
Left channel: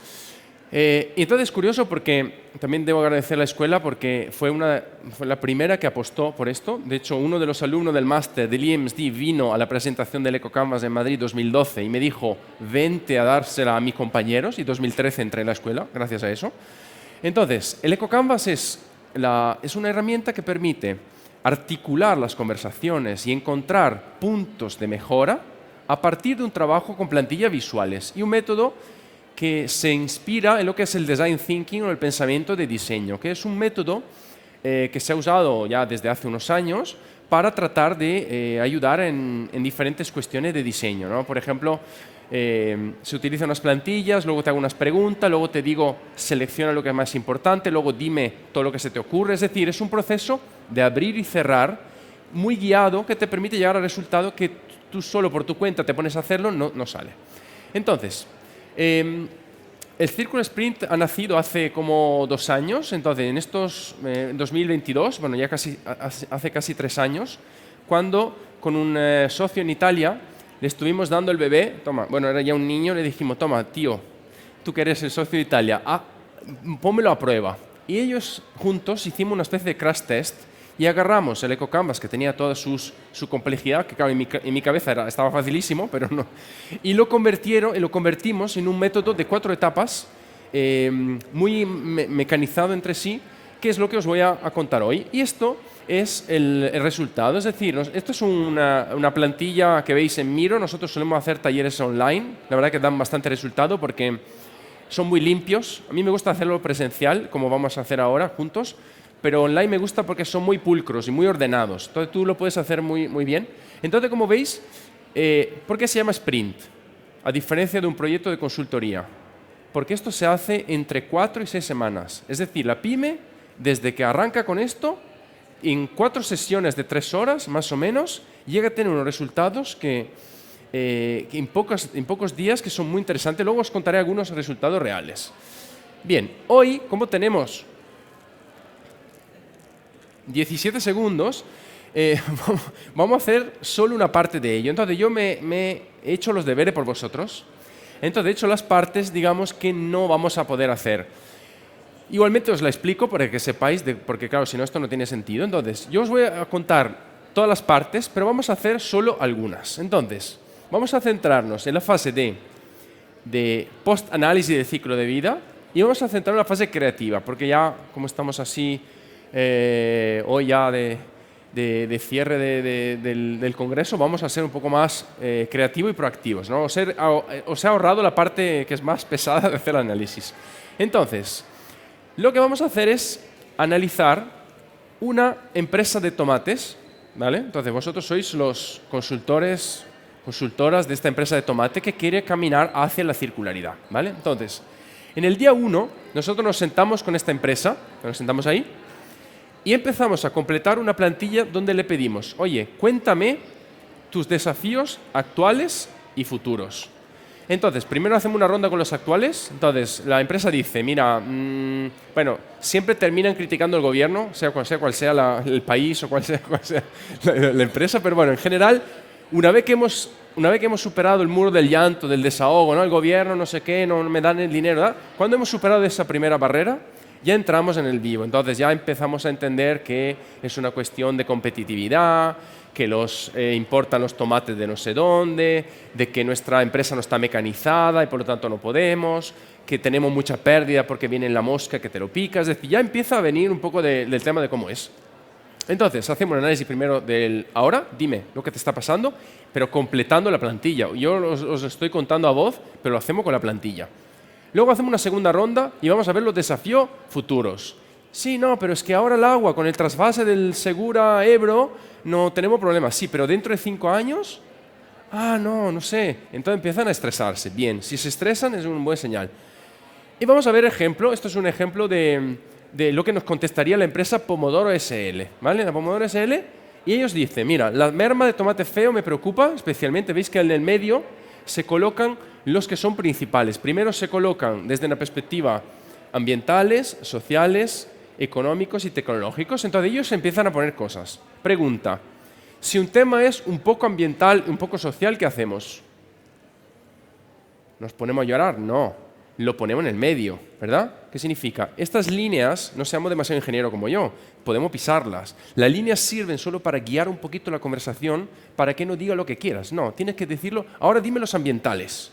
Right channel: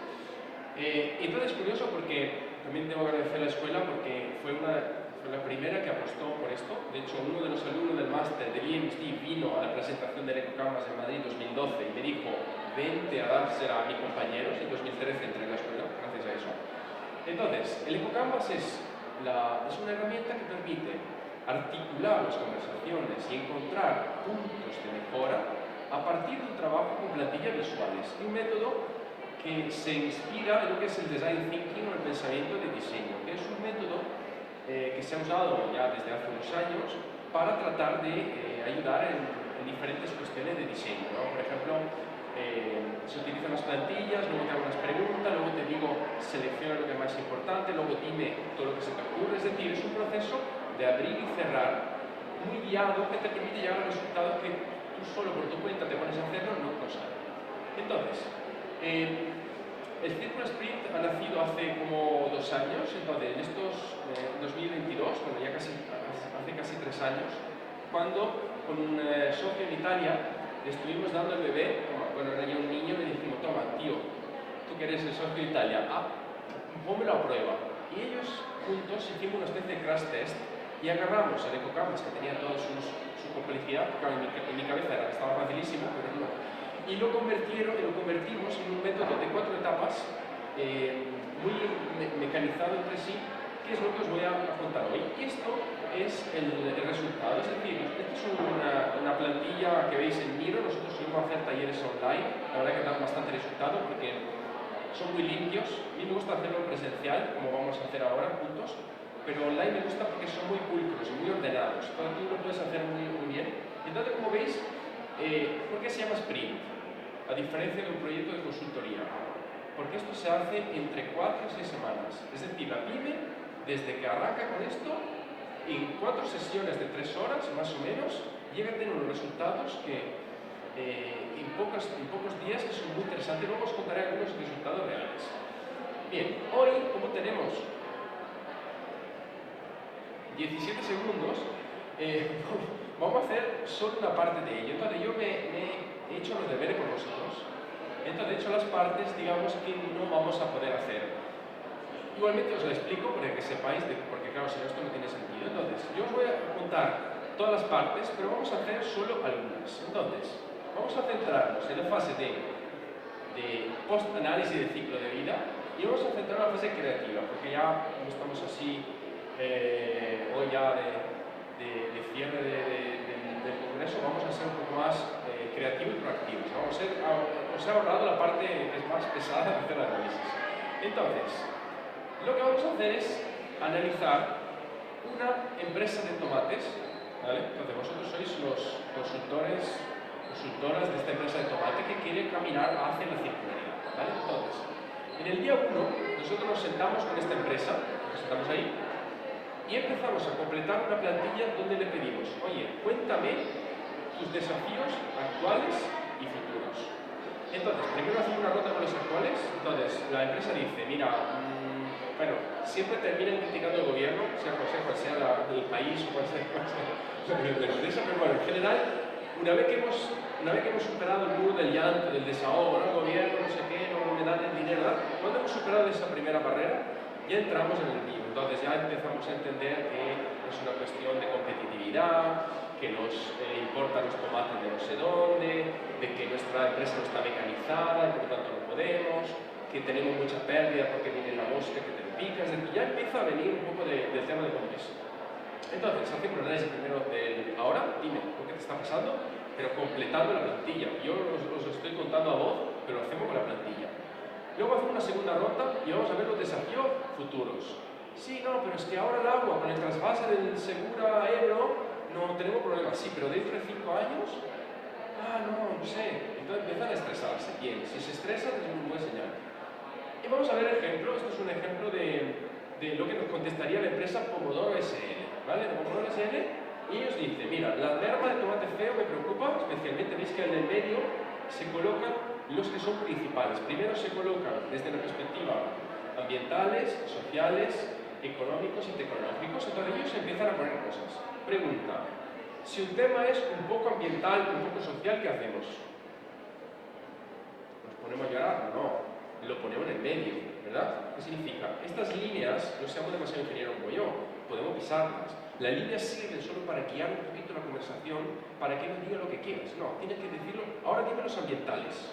Y entonces es curioso porque también debo agradecer a la escuela porque fue la primera que apostó por esto. De hecho, uno de los alumnos del máster del IMSD vino a la presentación del EcoCanvas en Madrid 2012 y me dijo, vente a dársela a mis compañeros, y 2013 entré en la escuela gracias a eso. Entonces, el EcoCanvas es una herramienta que permite articular las conversaciones y encontrar puntos de mejora a partir de un trabajo con plantillas visuales y un método que se inspira en lo que es el design thinking o el pensamiento de diseño, que es un método que se ha usado ya desde hace unos años para tratar de ayudar en diferentes cuestiones de diseño, ¿no? Por ejemplo, se utilizan unas plantillas, luego te hago unas preguntas, luego te digo selecciona lo que es más importante, luego dime todo lo que se te ocurre. Es decir, es un proceso de abrir y cerrar muy guiado que te permite llegar al resultado que tú solo por tu cuenta te pones a hacerlo, no sale. Entonces, el Círculo Sprint ha nacido hace como 2 años, entonces en 2022, bueno, ya hace casi 3 años, cuando con un socio en Italia le estuvimos dando el bebé, bueno, era ya un niño, le dijimos, toma, tío, tú que eres el socio de Italia, pónmelo a prueba. Y ellos juntos hicimos una especie de crash test y agarramos el EcoCanvas, que tenía toda su complejidad, que claro, en mi cabeza estaba facilísimo, pero no. Y lo convertimos en un método de 4 etapas, muy mecanizado entre sí, que es lo que os voy a contar hoy. Y esto es el resultado, es decir, esto es una plantilla que veis en Miro. Nosotros solemos hacer talleres online, la verdad que dan bastante resultado porque son muy limpios. A mí me gusta hacerlo presencial, como vamos a hacer ahora juntos, pero online me gusta porque son muy pulcros y muy ordenados. Entonces tú lo puedes hacer muy, muy bien. Entonces, como veis, ¿por qué se llama sprint? A diferencia de un proyecto de consultoría. Porque esto se hace entre 4 y 6 semanas. Es decir, la pyme, desde que arranca con esto, en 4 sesiones de 3 horas, más o menos, llega a tener unos resultados que en pocos días que son muy interesantes. Luego os contaré algunos resultados reales. Bien, hoy, como tenemos 17 segundos, vamos a hacer solo una parte de ello. Entonces yo me he hecho los deberes por vosotros. Entonces he hecho las partes, digamos, que no vamos a poder hacer. Igualmente os la explico para que sepáis, porque claro, si no esto no tiene sentido. Entonces yo os voy a contar todas las partes, pero vamos a hacer solo algunas. Entonces vamos a centrarnos en la fase de post-análisis de ciclo de vida y vamos a centrarnos en la fase creativa, porque ya como estamos así hoy ya de cierre del congreso, vamos a ser un poco más creativos y proactivos, ¿no? Os he ahorrado la parte que es más pesada de hacer el análisis. Entonces, lo que vamos a hacer es analizar una empresa de tomates, ¿vale? Entonces, vosotros sois los consultoras de esta empresa de tomate que quiere caminar hacia la circularidad, ¿vale? Entonces, en el día 1, nosotros nos sentamos con esta empresa, nos sentamos ahí, y empezamos a completar una plantilla donde le pedimos, oye, cuéntame tus desafíos actuales y futuros. Entonces, primero hacemos una ronda con los actuales. Entonces, la empresa dice, mira, bueno, siempre terminan criticando el gobierno, sea cual sea el país o cual sea la empresa, pero bueno, en general, una vez que hemos superado el muro del llanto, del desahogo, ¿no? El gobierno, no sé qué, no me dan el dinero, ¿verdad? Cuando hemos superado esa primera barrera, ya entramos en el vivo. Entonces ya empezamos a entender que es una cuestión de competitividad, que importan los tomates de no sé dónde, de que nuestra empresa no está mecanizada y por lo tanto no podemos, que tenemos mucha pérdida porque viene la mosca que te lo pica. Es decir, ya empieza a venir un poco del tema de cómo es. Entonces, hacemos un análisis primero del ahora, dime lo que te está pasando, pero completando la plantilla. Yo os estoy contando a voz, pero lo hacemos con la plantilla. Luego hacemos una segunda ronda y vamos a ver los desafíos futuros. Sí, no, pero es que ahora el agua, con el trasvase del Segura Ebro, no tenemos problemas. Sí, pero dentro de 5 años, no sé. Entonces empiezan a estresarse. Bien, si se estresan es un buen señal. Y vamos a ver ejemplo. Esto es un ejemplo de lo que nos contestaría la empresa Pomodoro SL. ¿Vale? La Pomodoro SL. Y ellos dicen, mira, la merma de tomate feo me preocupa, especialmente, veis que en el medio se colocan los que son principales. Primero se colocan desde una perspectiva ambientales, sociales, económicos y tecnológicos. Entonces ellos empiezan a poner cosas. Pregunta, si un tema es un poco ambiental, un poco social, ¿qué hacemos? ¿Nos ponemos a llorar? No. lo ponemos en el medio, ¿verdad? ¿Qué significa? Estas líneas, no seamos demasiado ingeniero como yo, podemos pisarlas. Las líneas sirven solo para guiar un poquito la conversación, para que no diga lo que quieras. No, tienes que decirlo, ahora dime los ambientales.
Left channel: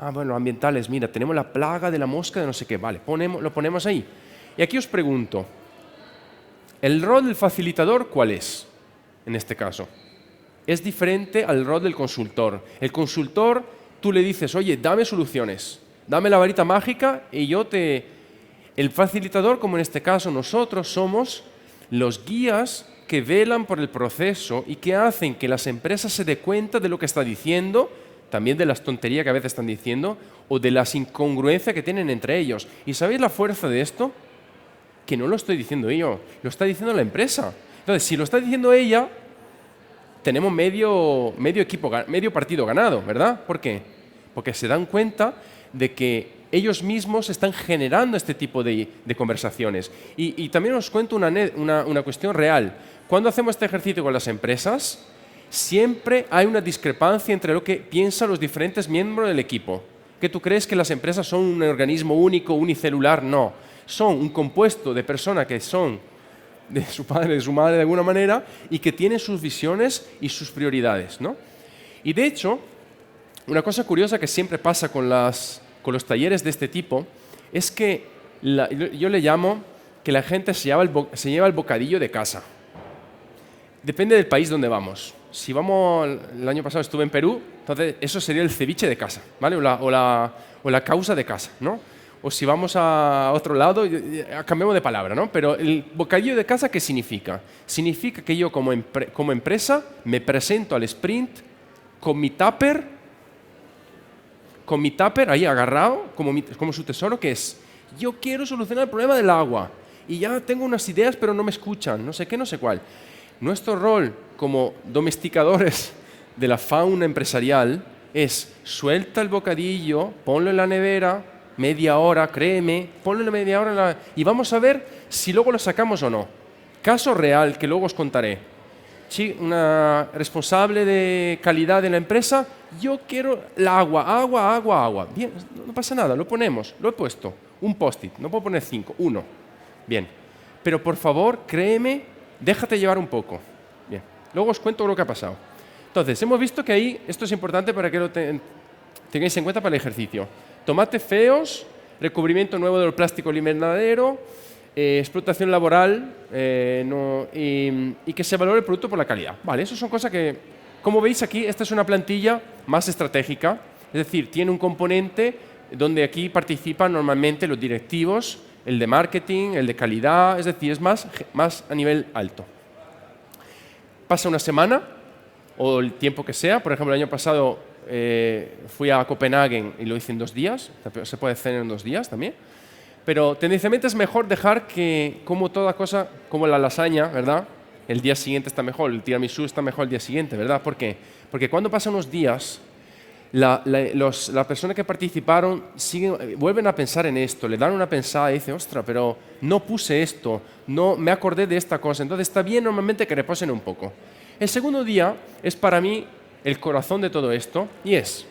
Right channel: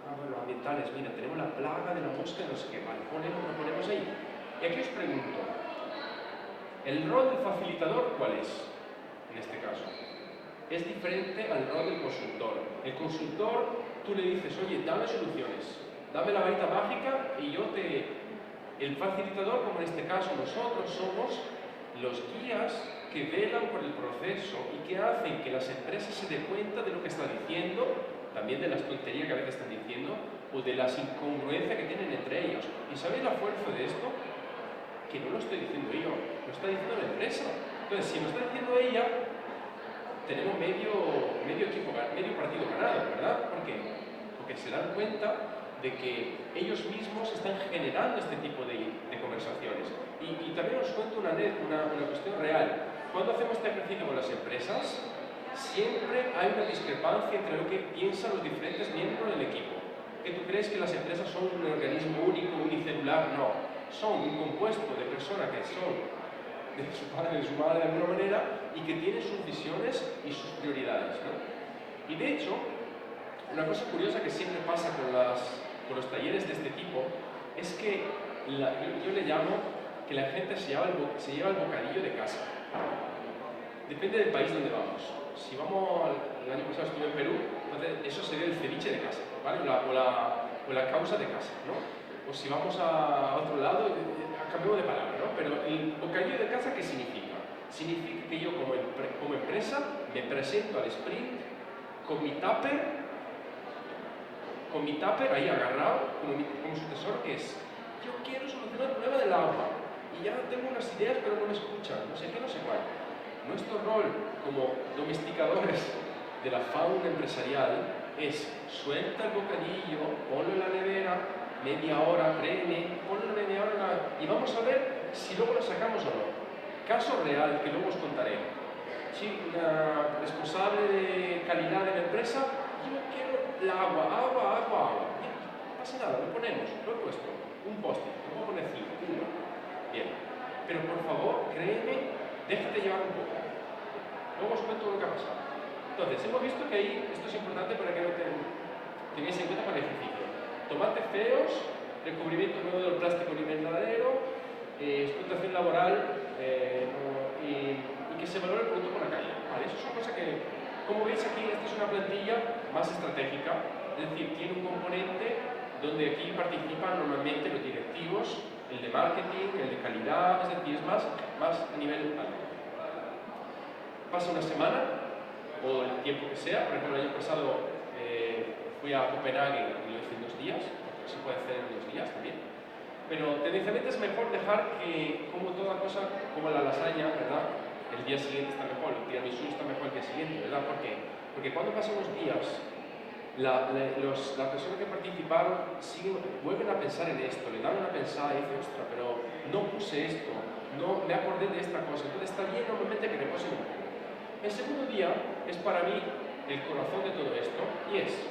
Ah, bueno, ambientales, mira, tenemos la plaga de la mosca de no sé qué, vale, lo ponemos ahí. Y aquí os pregunto, ¿el rol del facilitador cuál es en este caso? Es diferente al rol del consultor. El consultor, tú le dices, oye, dame soluciones, dame la varita mágica y yo te... El facilitador, como en este caso nosotros, somos los guías que velan por el proceso y que hacen que las empresas se den cuenta de lo que está diciendo, también de las tonterías que a veces están diciendo o de las incongruencias que tienen entre ellos. ¿Y sabéis la fuerza de esto? Que no lo estoy diciendo yo, lo está diciendo la empresa. Entonces, si lo está diciendo ella, tenemos medio partido ganado, ¿verdad? ¿Por qué? Porque se dan cuenta de que ellos mismos están generando este tipo de conversaciones. Y también os cuento una cuestión real. Cuando hacemos este ejercicio con las empresas, siempre hay una discrepancia entre lo que piensan los diferentes miembros del equipo. ¿Que tú crees que las empresas son un organismo único, unicelular? No. Son un compuesto de personas que son de su padre, de su madre de alguna manera y que tienen sus visiones y sus prioridades, ¿no? Y de hecho, una cosa curiosa que siempre pasa con los talleres de este tipo es que yo le llamo que la gente se lleva el bocadillo de casa. Depende del país donde vamos. Si vamos, el año pasado estuve en Perú, entonces eso sería el ceviche de casa, ¿vale? O la causa de casa, ¿no? O si vamos a otro lado, cambiamos de palabra, ¿no? Pero el bocadillo de casa, ¿qué significa? Significa que yo como empresa me presento al sprint con mi tupper ahí agarrado, como su tesoro, que es, yo quiero solucionar el problema del agua y ya tengo unas ideas pero no me escuchan, no sé qué, no sé cuál. Nuestro rol como domesticadores de la fauna empresarial es suelta el bocadillo, ponlo en la nevera, media hora, créeme, ponlo en la media hora y vamos a ver si luego lo sacamos o no. Caso real que luego os contaré. Sí, una responsable de calidad de la empresa, yo quiero el agua. Bien, no pasa nada, lo ponemos, lo he puesto. Un post-it, no puedo poner 5, 1. Bien, pero por favor, créeme, déjate llevar un poco. Bien, luego os cuento lo que ha pasado. Entonces, hemos visto que ahí, esto es importante para que lo tengáis en cuenta para el ejercicio. Tomates feos, recubrimiento nuevo del plástico al invernadero, explotación laboral y que se valore el producto por la calidad. Vale, eso son cosas que, como veis aquí, esta es una plantilla más estratégica, es decir, tiene un componente donde aquí participan normalmente los directivos, el de marketing, el de calidad, es decir, es más a nivel alto. Pasa una semana o el tiempo que sea, por ejemplo, el año pasado fui a Copenhague y lo hice en 2 días, se puede hacer en 2 días también, pero tendencialmente es mejor dejar que, como toda cosa, como la lasaña, ¿verdad? El día siguiente está mejor, el tiramisú está mejor el día siguiente, ¿verdad? ¿Por qué? Porque cuando pasan unos días, las personas que participaron vuelven a pensar en esto, le dan una pensada y dicen, ostras, pero no puse esto, no me acordé de esta cosa, entonces está bien normalmente que reposen un poco. El segundo día es para mí el corazón de todo esto y es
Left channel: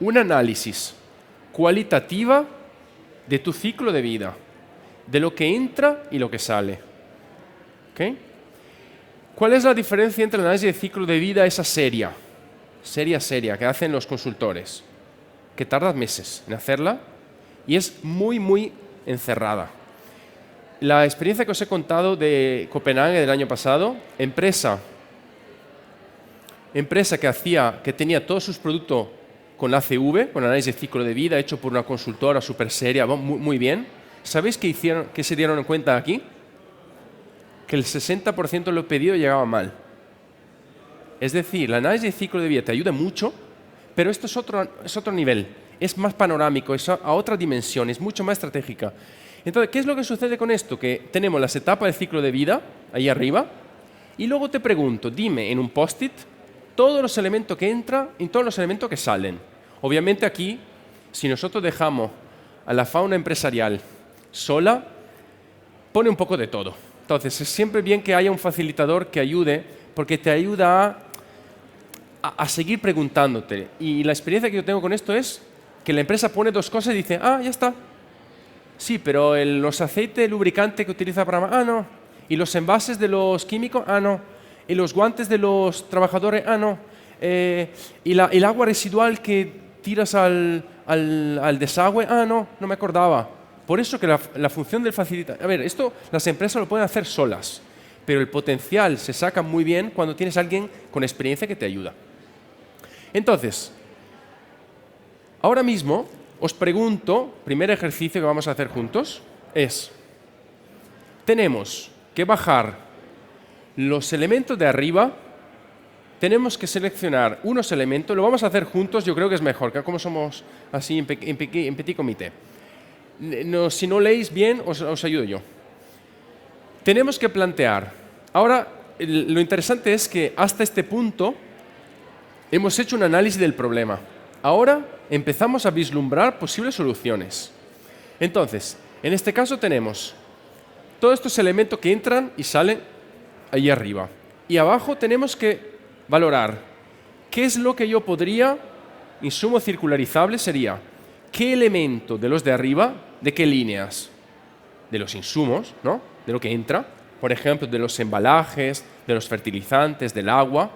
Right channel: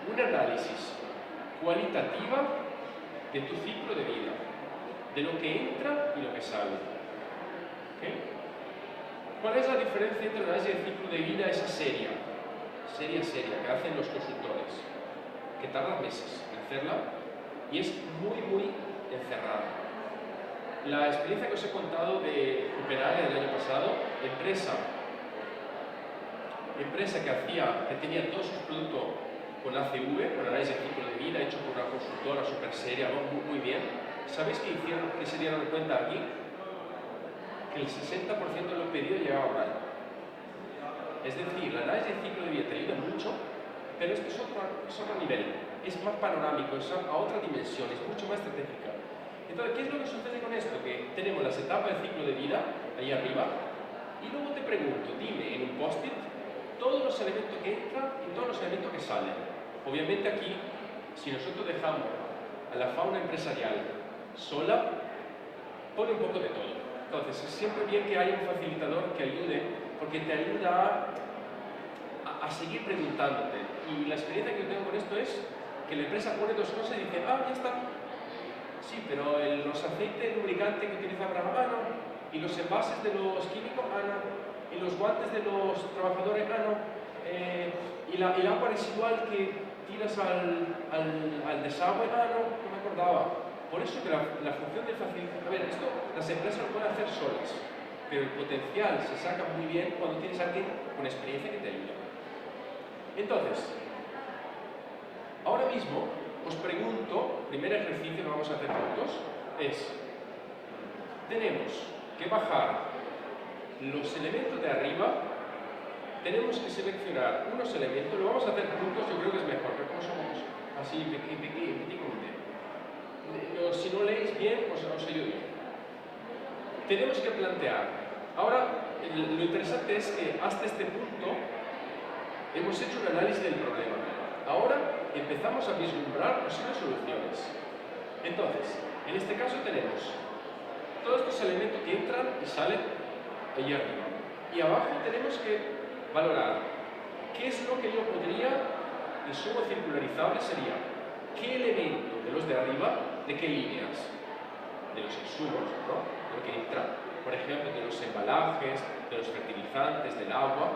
un análisis cualitativa de tu ciclo de vida, de lo que entra y lo que sale. ¿Okay? ¿Cuál es la diferencia entre el análisis de ciclo de vida esa seria que hacen los consultores? Que tardas meses en hacerla y es muy encerrada. La experiencia que os he contado de Copenhague del año pasado, empresa que tenía todos sus productos con ACV, con análisis de ciclo de vida, hecho por una consultora súper seria, muy bien. ¿Sabéis qué hicieron, qué se dieron cuenta aquí? Que el 60% de los pedidos llegaba mal. Es decir, el análisis de ciclo de vida te ayuda mucho, pero esto es otro nivel, es más panorámico, es a otra dimensión, es mucho más estratégica. Entonces, ¿qué es lo que sucede con esto? Que tenemos las etapas del ciclo de vida, ahí arriba, y luego te pregunto, dime en un post-it todos los elementos que entran y todos los elementos que salen. Obviamente aquí, si nosotros dejamos a la fauna empresarial sola, pone un poco de todo. Entonces, es siempre bien que haya un facilitador que ayude, porque te ayuda a seguir preguntándote. Y la experiencia que yo tengo con esto es que la empresa pone dos cosas y dice, ah, ya está. Sí, pero los aceites lubricantes que utiliza para... Ah, no. Y los envases de los químicos, ah, no. Y los guantes de los trabajadores, ah, no. Y el agua residual que tiras al desagüe, ah, no, no me acordaba. Por eso que la función del facilitador... A ver, esto las empresas lo pueden hacer solas, pero el potencial se saca muy bien cuando tienes a alguien con experiencia que te ayuda. Entonces, ahora mismo os pregunto, primer ejercicio que vamos a hacer juntos, es, tenemos que bajar los elementos de arriba, tenemos que seleccionar unos elementos, lo vamos a hacer juntos, yo creo que es mejor, que como somos así en petit comité. No, si no leéis bien, os ayudo yo. Tenemos que plantear, ahora lo interesante es que hasta este punto hemos hecho un análisis del problema. Ahora empezamos a vislumbrar posibles soluciones. Entonces, en este caso tenemos todos estos elementos que entran y salen ahí arriba. Y abajo tenemos que valorar qué es lo que yo podría, insumo circularizable sería, qué elemento de los de arriba, de qué líneas, de los insumos, ¿no? De lo que entra, por ejemplo, de los embalajes, de los fertilizantes, del agua,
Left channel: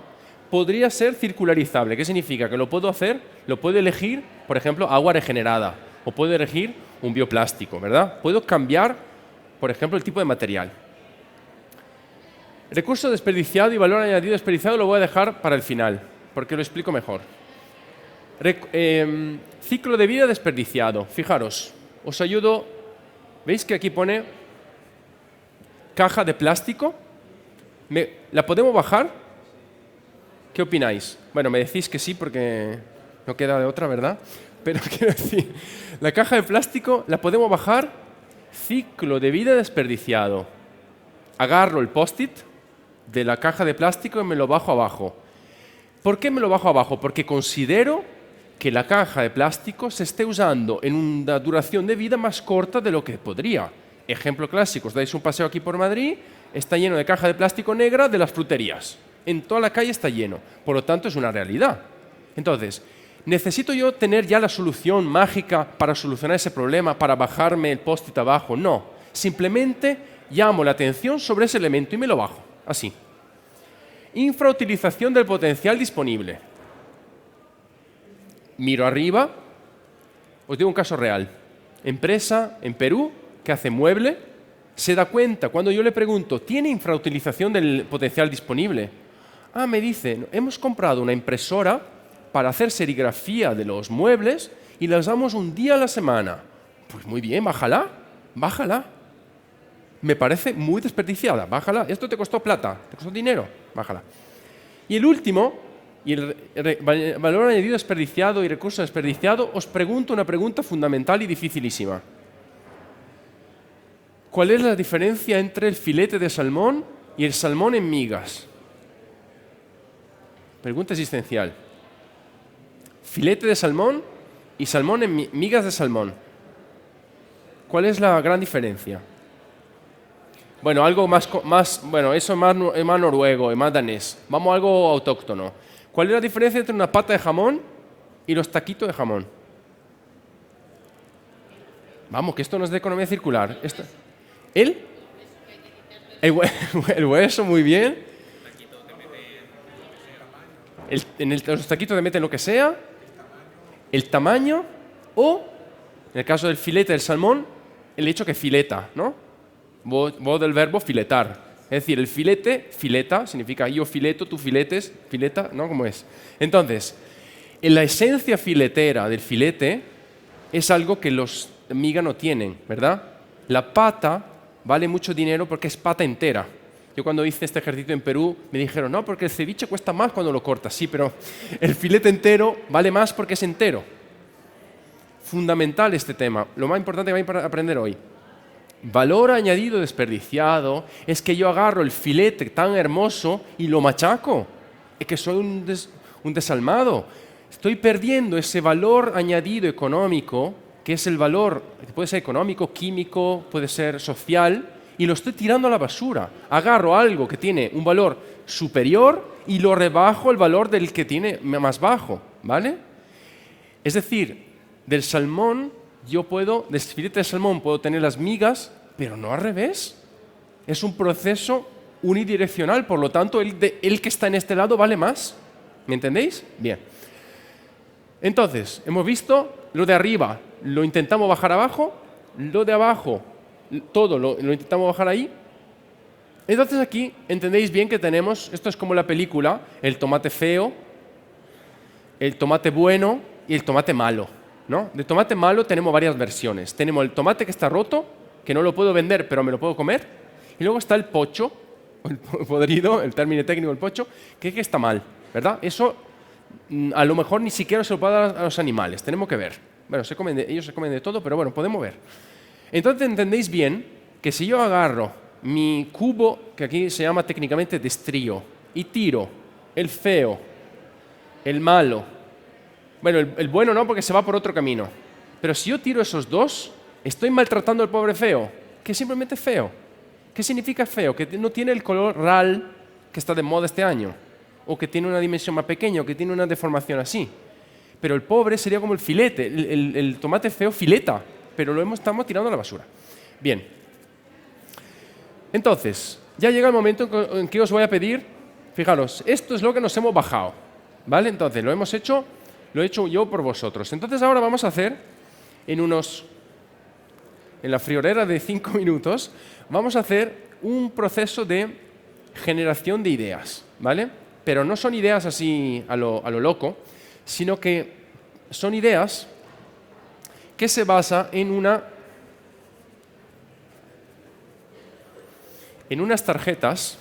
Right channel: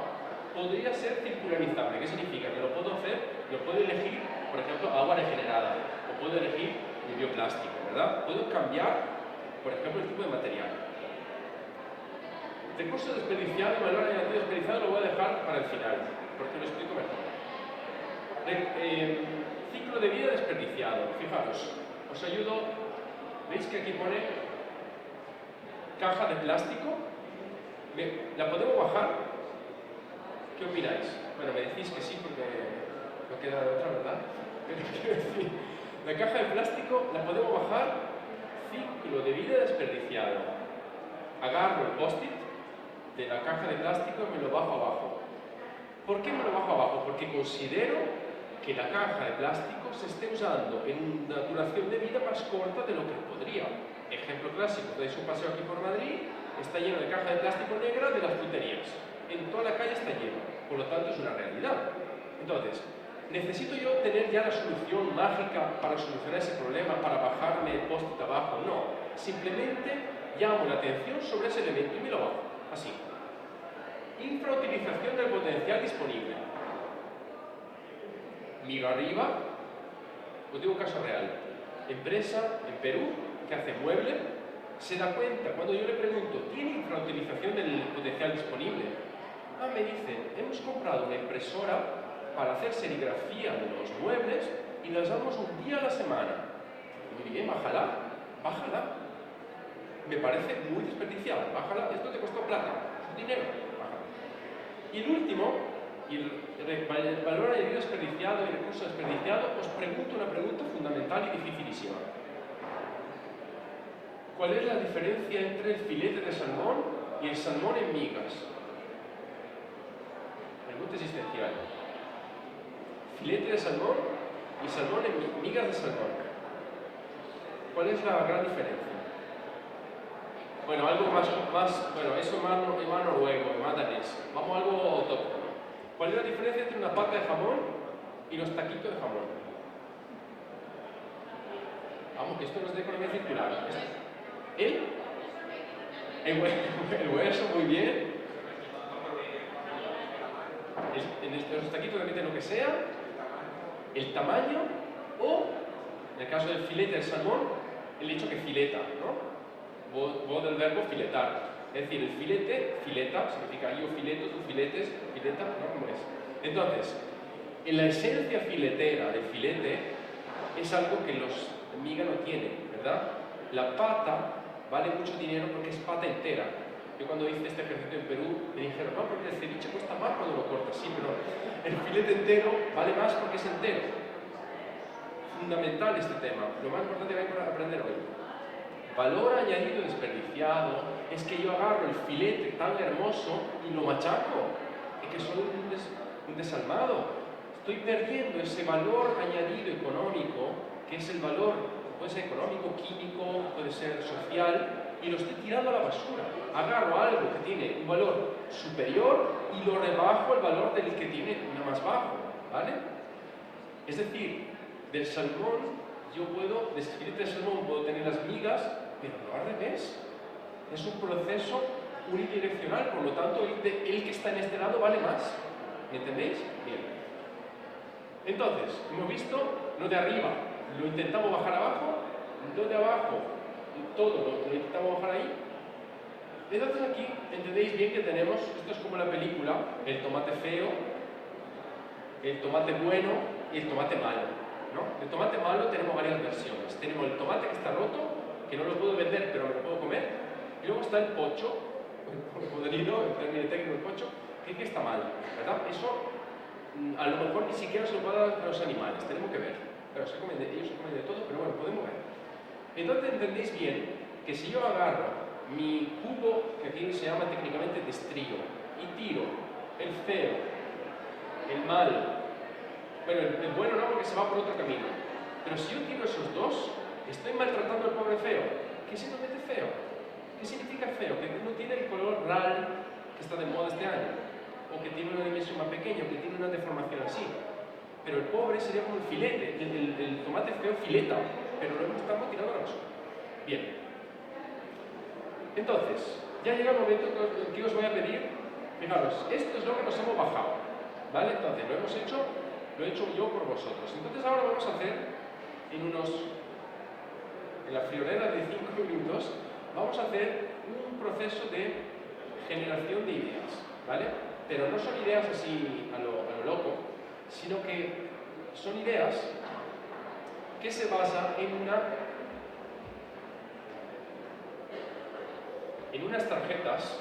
podría ser circularizable. ¿Qué significa? Que lo puedo hacer, lo puedo elegir, por ejemplo, agua regenerada, o puedo elegir un bioplástico, ¿verdad? Puedo cambiar, por ejemplo, el tipo de material. Recurso desperdiciado y valor añadido desperdiciado lo voy a dejar para el final, porque lo explico mejor. Ciclo de vida desperdiciado. Fijaros, os ayudo. ¿Veis que aquí pone caja de plástico? ¿La podemos bajar? ¿Qué opináis? Bueno, me decís que sí porque no queda de otra, ¿verdad? Pero quiero decir, la caja de plástico la podemos bajar. Ciclo de vida desperdiciado. Agarro el post-it de la caja de plástico y me lo bajo abajo. ¿Por qué me lo bajo abajo? Porque considero que la caja de plástico se esté usando en una duración de vida más corta de lo que podría. Ejemplo clásico, os dais un paseo aquí por Madrid, está lleno de caja de plástico negra de las fruterías. En toda la calle está lleno. Por lo tanto, es una realidad. Entonces, ¿necesito yo tener ya la solución mágica para solucionar ese problema, para bajarme el post-it abajo? No. Simplemente llamo la atención sobre ese elemento y me lo bajo. Así. Infrautilización del potencial disponible. Miro arriba. Os digo un caso real. Empresa en Perú que hace mueble, se da cuenta cuando yo le pregunto, ¿tiene infrautilización del potencial disponible? Ah, me dicen, hemos comprado una impresora para hacer serigrafía de los muebles y las damos un día a la semana. Pues muy bien, bájala, bájala. Me parece muy desperdiciada, bájala. Esto te costó plata, te costó dinero, bájala. Y el último, y el valor añadido desperdiciado y recurso desperdiciado, os pregunto una pregunta fundamental y dificilísima. ¿Cuál es la diferencia entre el filete de salmón y el salmón en migas? Pregunta existencial. Filete de salmón y salmón en migas de salmón. ¿Cuál es la gran diferencia? Bueno, algo más bueno, eso es más noruego y más danés. Vamos a algo autóctono. ¿Cuál es la diferencia entre una pata de jamón y los taquitos de jamón? Vamos, que esto no es de economía circular. El hueso, muy bien. Los taquitos le meten lo que sea. El tamaño o, en el caso del filete del salmón, el hecho que fileta, ¿no? Voz del verbo filetar. Es decir, el filete, fileta, significa yo fileto, tú filetes, fileta, ¿no? ¿Cómo es? Entonces, en la esencia filetera del filete es algo que los migas no tienen, ¿verdad? La pata vale mucho dinero porque es pata entera. Yo cuando hice este ejercicio en Perú me dijeron, no, porque el ceviche cuesta más cuando lo cortas. Sí, pero el filete entero vale más porque es entero. Fundamental este tema. Lo más importante que vais a aprender hoy. Valor añadido desperdiciado es que yo agarro el filete tan hermoso y lo machaco. Es que soy un desalmado. Estoy perdiendo ese valor añadido económico, que es el valor, puede ser económico, químico, puede ser social, y lo estoy tirando a la basura. Agarro algo que tiene un valor superior y lo rebajo al valor del que tiene más bajo, ¿vale? Es decir, Del salmón, del filete de salmón puedo tener las migas, pero no al revés. Es un proceso unidireccional, por lo tanto, el que está en este lado vale más. ¿Me entendéis? Bien. Entonces, hemos visto lo de arriba, lo intentamos bajar abajo, lo de abajo, todo lo intentamos bajar ahí. Entonces aquí entendéis bien que tenemos, esto es como la película, el tomate feo, el tomate bueno y el tomate malo, ¿no? De tomate malo tenemos varias versiones. Tenemos el tomate que está roto, que no lo puedo vender, pero me lo puedo comer. Y luego está el pocho, el podrido, el término técnico, el pocho, que está mal, ¿verdad? Eso a lo mejor ni siquiera se lo puedo dar a los animales, tenemos que ver. Bueno, ellos se comen de todo, pero bueno, podemos ver. Entonces entendéis bien que si yo agarro mi cubo, que aquí se llama técnicamente destrío, y tiro el feo, el malo, bueno, el bueno no porque se va por otro camino, pero si yo tiro esos dos, estoy maltratando al pobre feo, que es simplemente feo. ¿Qué significa feo? Que no tiene el color RAL que está de moda este año, o que tiene una dimensión más pequeña, o que tiene una deformación así. Pero el pobre sería como el filete, el tomate feo fileta, pero estamos tirando a la basura. Bien. Entonces, ya llega el momento en que os voy a pedir, fijaros, esto es lo que nos hemos bajado, ¿vale? Entonces, lo he hecho yo por vosotros. Entonces, ahora vamos a hacer, en la friolera de 5 minutos, vamos a hacer un proceso de generación de ideas, ¿vale? Pero no son ideas así a lo loco, sino que son ideas que se basan en unas tarjetas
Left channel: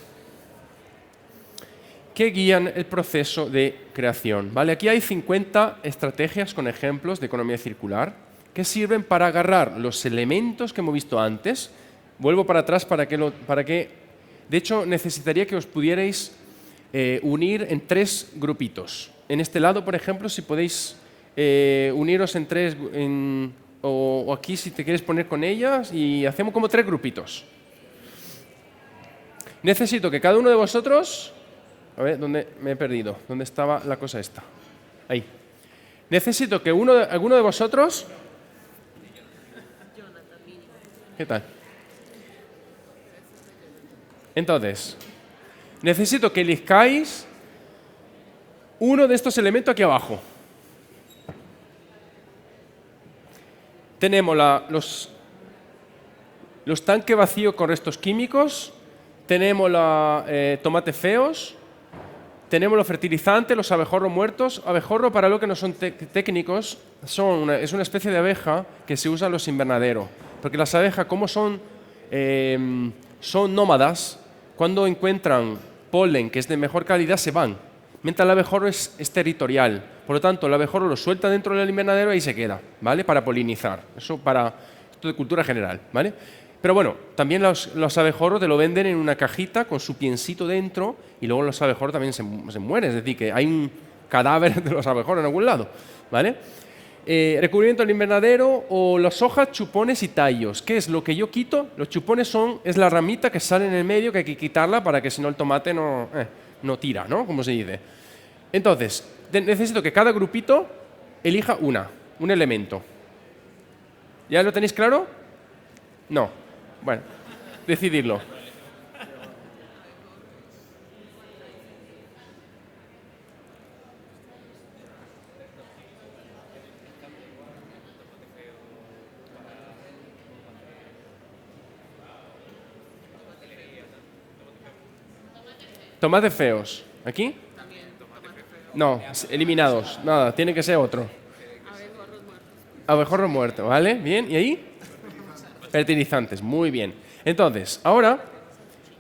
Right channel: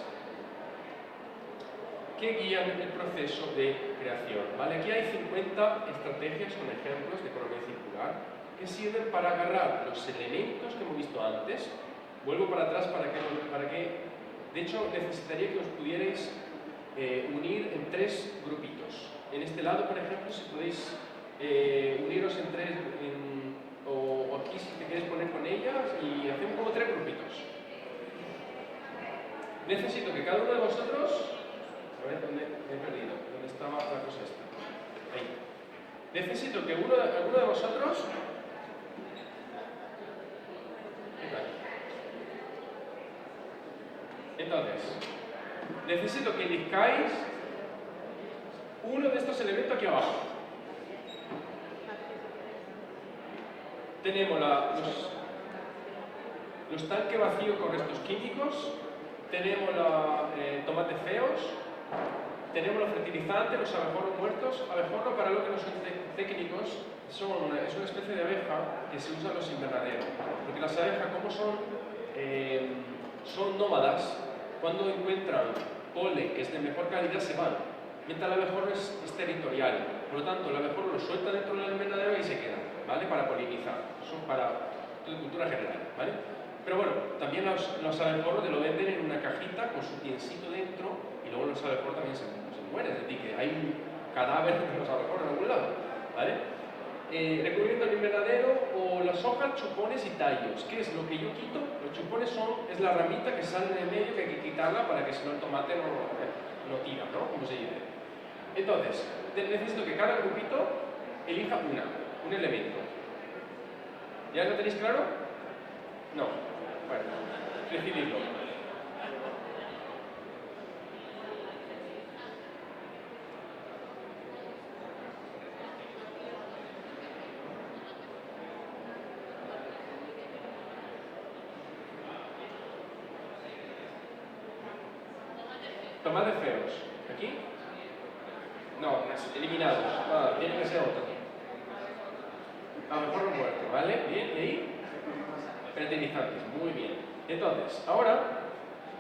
que guían el proceso de creación, ¿vale? Aquí hay 50 estrategias con ejemplos de economía circular que sirven para agarrar los elementos que hemos visto antes. Vuelvo para atrás para que de hecho, necesitaría que os pudierais unir en 3 grupitos. En este lado, por ejemplo, si podéis uniros en 3, o aquí si te quieres poner con ellas, y hacemos como 3 grupitos. Necesito que cada uno de vosotros... A ver, ¿dónde me he perdido? ¿Dónde estaba la cosa esta? Ahí. Necesito que alguno de vosotros... ¿Qué tal? Entonces, necesito que elijas uno de estos elementos aquí abajo. Tenemos los tanques vacíos con restos químicos, tenemos tomates feos, tenemos los fertilizantes, los abejorros muertos. Abejorro, para los que no son técnicos, es una especie de abeja que se usa en los invernaderos. Porque las abejas, como son nómadas, cuando encuentran polen que es de mejor calidad, se van. Mientras el abejorro es territorial. Por lo tanto, el abejorro lo suelta dentro del invernadero y se queda, ¿vale? Para polinizar. Eso esto de cultura general, ¿vale? Pero bueno, también los abejorros te lo venden en una cajita con su piencito dentro, y luego los abejorros también se mueren. Es decir, que hay un cadáver de los abejorros en algún lado, ¿vale? Recubrimiento del invernadero o las hojas, chupones y tallos. ¿Qué es lo que yo quito? Los chupones es la ramita que sale en el medio, que hay que quitarla para que si no el tomate no tira, ¿no? Como se dice. Entonces, necesito que cada grupito elija un elemento. ¿Ya lo tenéis claro? No. Bueno, decididlo. Tomates feos. ¿Aquí? No, eliminados. Nada, tiene que ser otro. Abejorro muerto, ¿vale? Bien, ¿y ahí? Fertilizantes, muy bien. Entonces, ahora,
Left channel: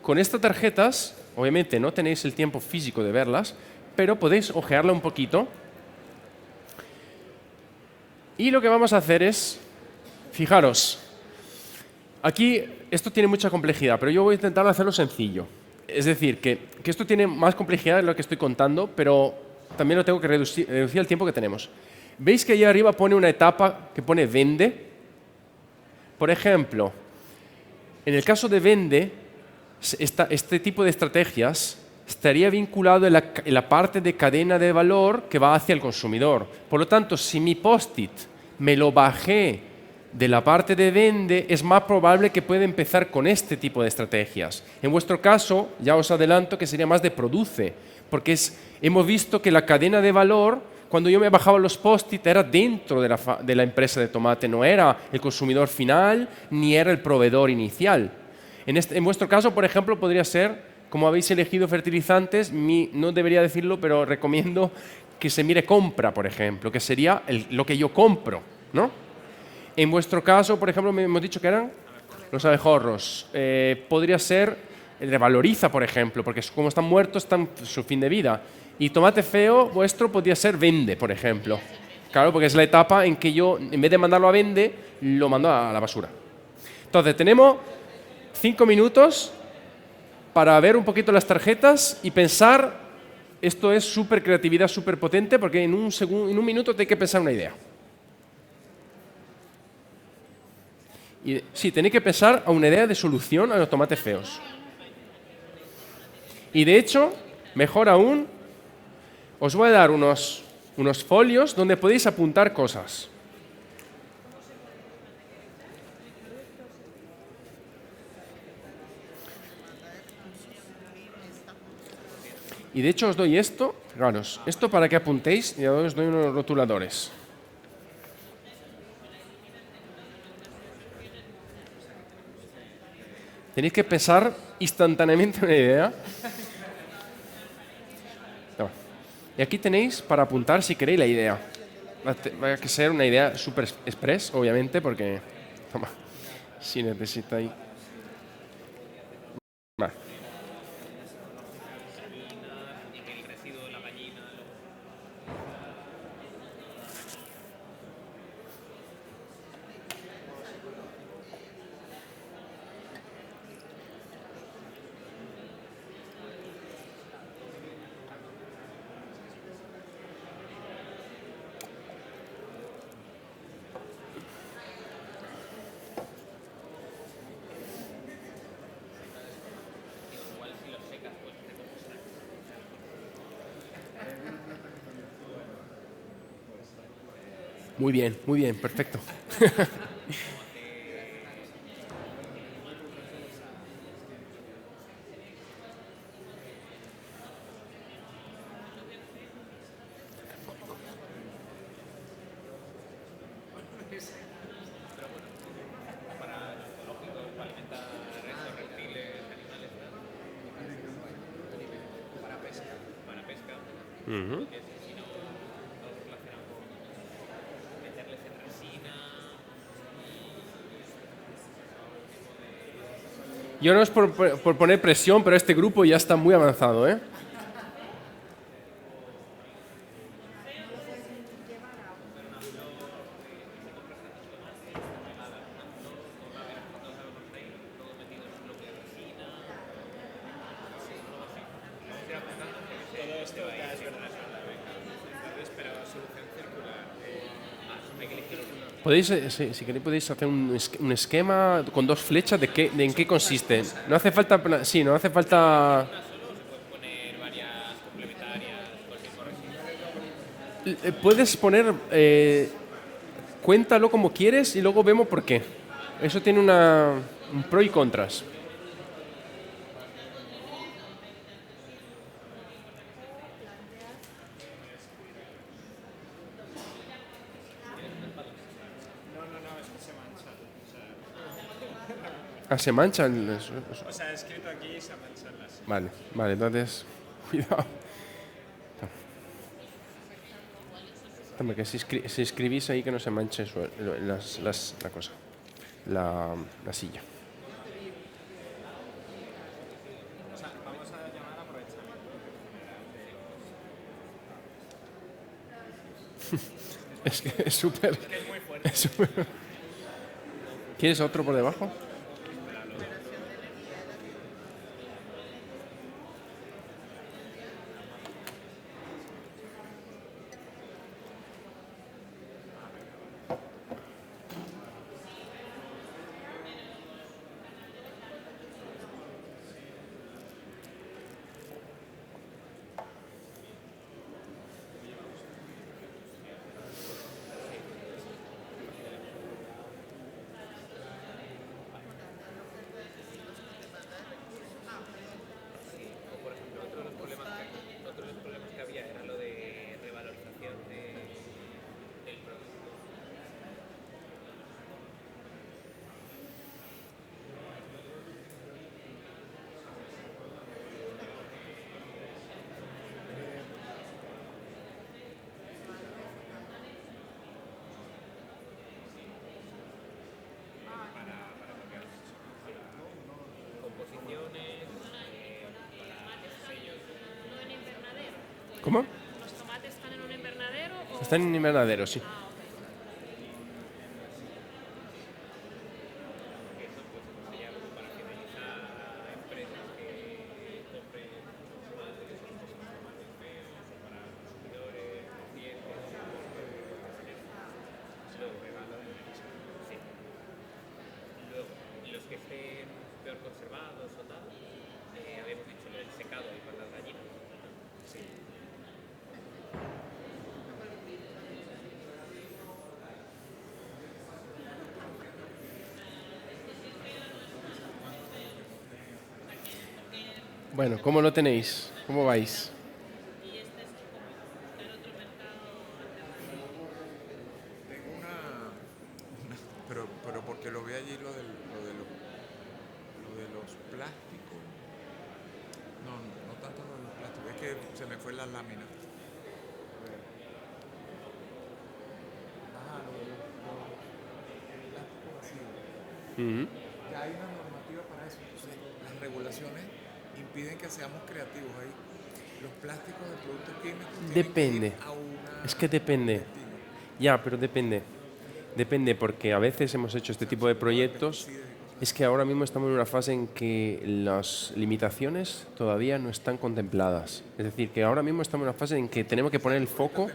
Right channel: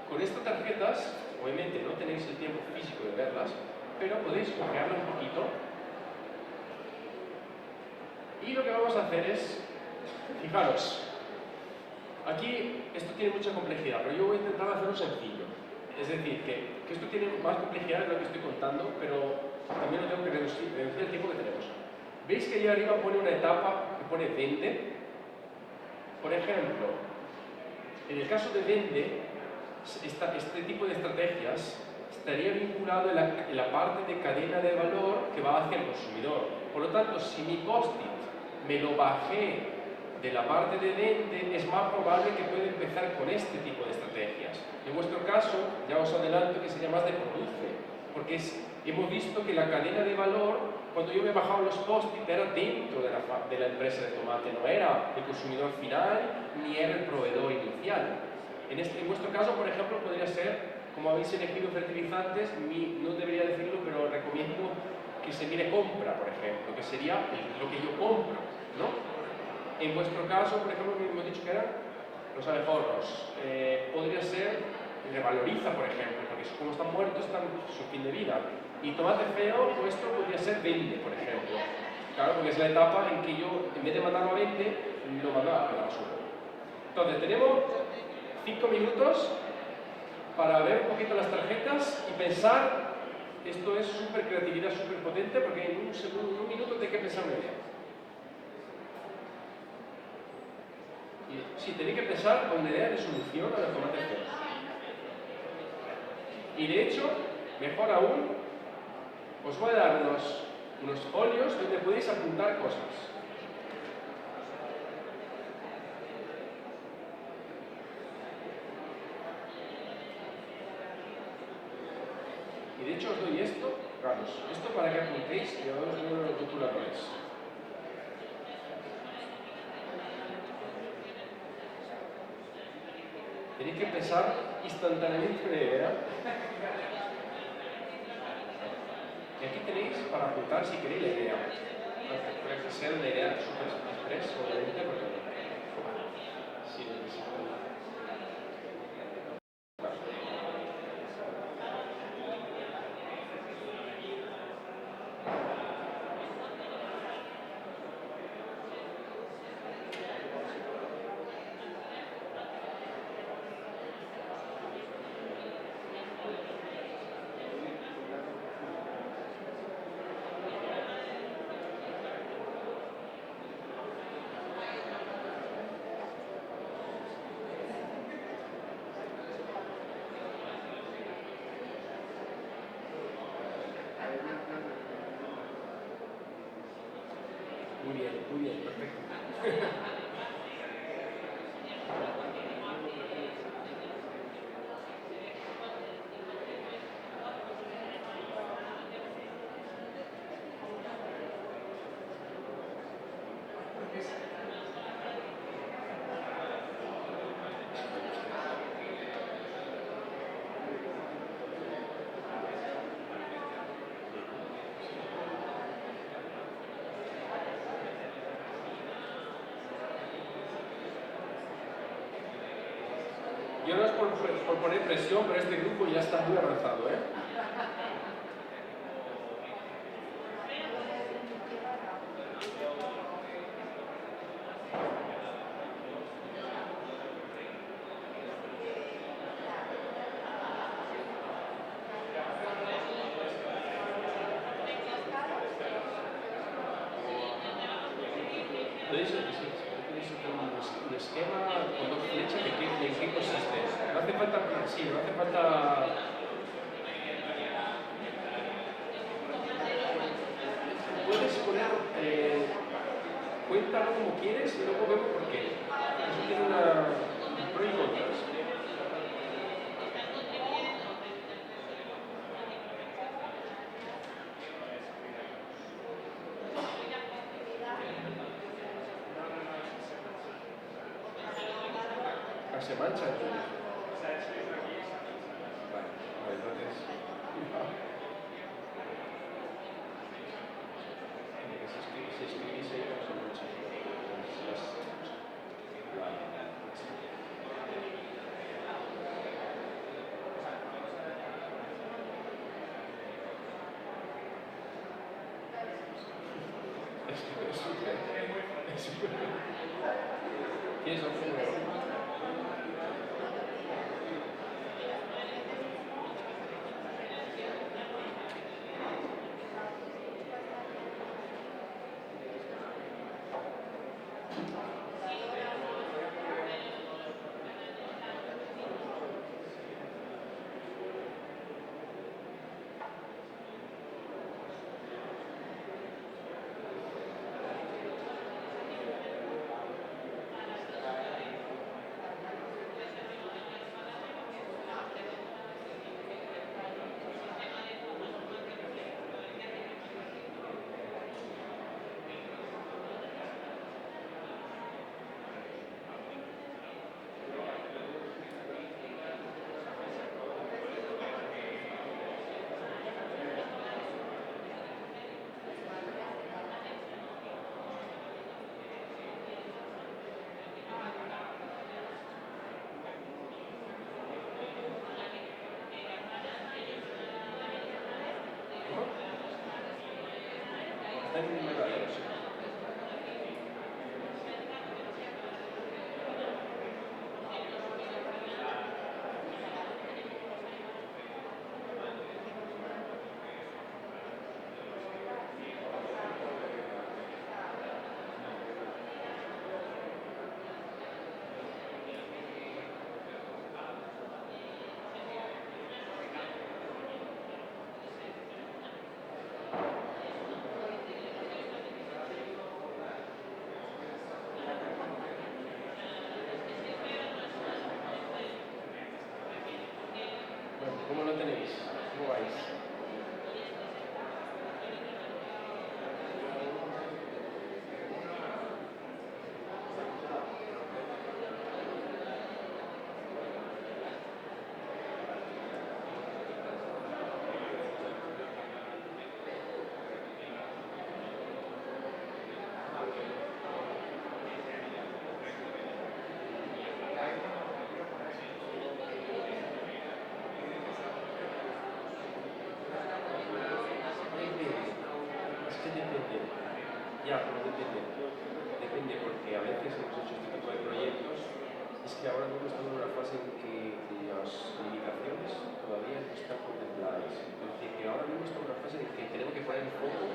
con estas tarjetas, obviamente no tenéis el tiempo físico de verlas, pero podéis ojearla un poquito. Y lo que vamos a hacer es, fijaros, aquí esto tiene mucha complejidad, pero yo voy a intentar hacerlo sencillo. Es decir, que esto tiene más complejidad de lo que estoy contando, pero también lo tengo que reducir el tiempo que tenemos. ¿Veis que allá arriba pone una etapa que pone vende? Por ejemplo, en el caso de vende, este tipo de estrategias estaría vinculado en la parte de cadena de valor que va hacia el consumidor. Por lo tanto, si mi post-it me lo bajé de la parte de vende, es más probable que pueda empezar con este tipo de estrategias. En vuestro caso, ya os adelanto que sería más de produce, porque hemos visto que la cadena de valor, cuando yo me bajaba los post-it, era dentro de la empresa de tomate, no era el consumidor final, ni era el proveedor inicial. En vuestro caso, por ejemplo, podría ser, como habéis elegido fertilizantes, no debería decirlo, pero recomiendo que se mire compra, por ejemplo, que sería lo que yo compro, ¿no? En vuestro caso, por ejemplo, me hemos dicho que eran los abejorros. Podría ser el revaloriza, por ejemplo, porque como están muertos, están su fin de vida. Y tomate feo vuestro podría ser vende, por ejemplo. Claro, porque es la etapa en que yo, en vez de mandarlo a vende, lo mando a la basura. Entonces, tenemos 5 minutos para ver un poquito las tarjetas y pensar. Esto es súper creatividad, súper potente, porque en un minuto te hay que pensar una idea. Sí, tenéis que pensar a una idea de solución a los tomates feos. Y de hecho, mejor aún, os voy a dar unos folios donde podéis apuntar cosas. Y de hecho os doy esto, fijaros, esto para que apuntéis y ahora os doy unos rotuladores. Tenéis que pensar instantáneamente una idea. No. Y aquí tenéis para apuntar si queréis la idea. Va a que ser una idea super express, obviamente, porque toma, si necesitáis. Vale. Muy bien, perfecto. Yo no es por poner presión, pero este grupo ya está muy avanzado, ¿eh? Podéis, si queréis, podéis hacer un esquema con 2 flechas de en qué consiste. No hace falta, sí, no hace falta. Puedes poner, cuéntalo como quieres y luego vemos por qué. Eso tiene un pro y contras. Se manchan. O sea, he escrito aquí y se mancha. Vale, entonces. Cuidado. Que si escribís ahí que no se manche la cosa. La silla. Es que es súper. ¿Quieres otro por debajo? ¿Cómo? Están en invernadero, sí. Bueno, ¿cómo lo tenéis? ¿Cómo vais? Pero porque lo vi ayer lo de los plásticos. No tanto lo de los plásticos, es que se le fue la lámina. Ah, lo de los plásticos, sí. Ujú. Ya hay una normativa para eso, entonces las regulaciones impiden que seamos creativos ahí. Los plásticos, el producto químico, tienen que Depende. ir a una Es que depende. plantilla. Ya, pero depende. Depende porque a veces hemos hecho este tipo de proyectos. Es que ahora mismo estamos en una fase en que las limitaciones todavía no están contempladas. Es decir, que ahora mismo estamos en una fase en que tenemos que poner el foco.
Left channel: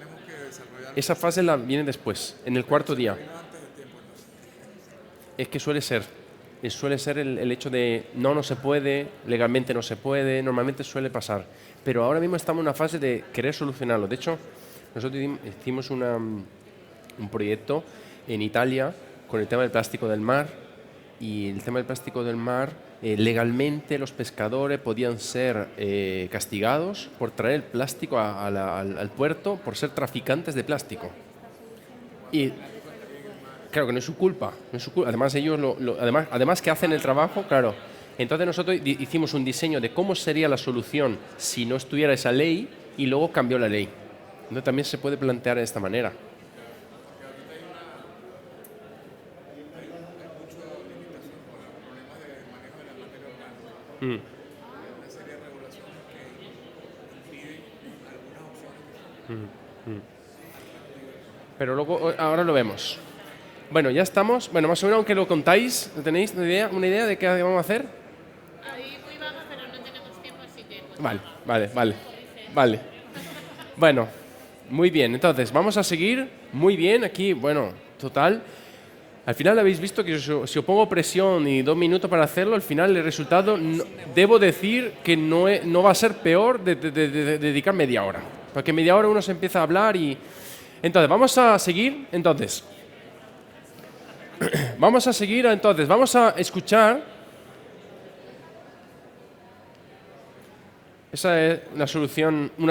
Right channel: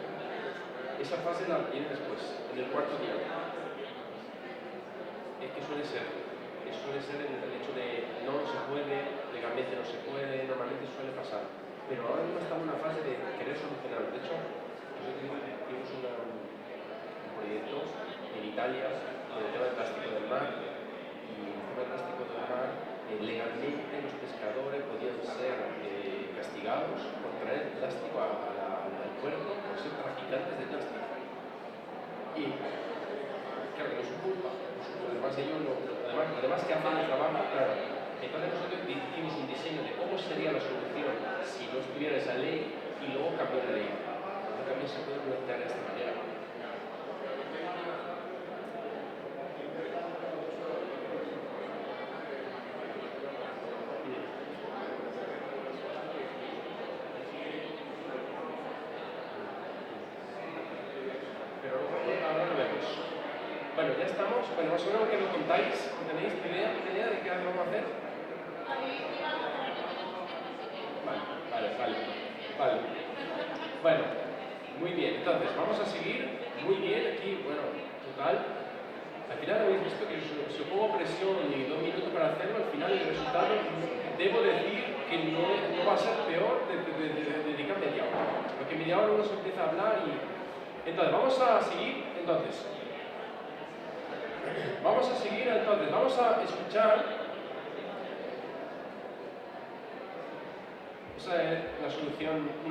Esa fase viene después, en el cuarto día. Es que suele ser. Suele ser el hecho de no se puede, legalmente no se puede, normalmente suele pasar. Pero ahora mismo estamos en una fase de querer solucionarlo. De hecho, nosotros hicimos un proyecto en Italia con el tema del plástico del mar, y el tema del plástico del mar, legalmente los pescadores podían ser castigados por traer el plástico al puerto por ser traficantes de plástico. Y claro que no es su culpa, no es su culpa. Además ellos además que hacen el trabajo, claro. Entonces nosotros hicimos un diseño de cómo sería la solución si no estuviera esa ley, y luego cambió la ley. Entonces también se puede plantear de esta manera. Pero luego, ahora lo vemos. Bueno, ya estamos. Bueno, más o menos, aunque lo contáis, ¿tenéis una idea de qué vamos a hacer? Vale. Bueno, muy bien. Entonces, vamos a seguir muy bien aquí. Bueno, total. Al final habéis visto que si os pongo presión y 2 minutos para hacerlo, al final el resultado, debo decir que no va a ser peor de dedicar media hora. Porque media hora uno se empieza a hablar y... Entonces, vamos a seguir. Vamos a escuchar. Esa es una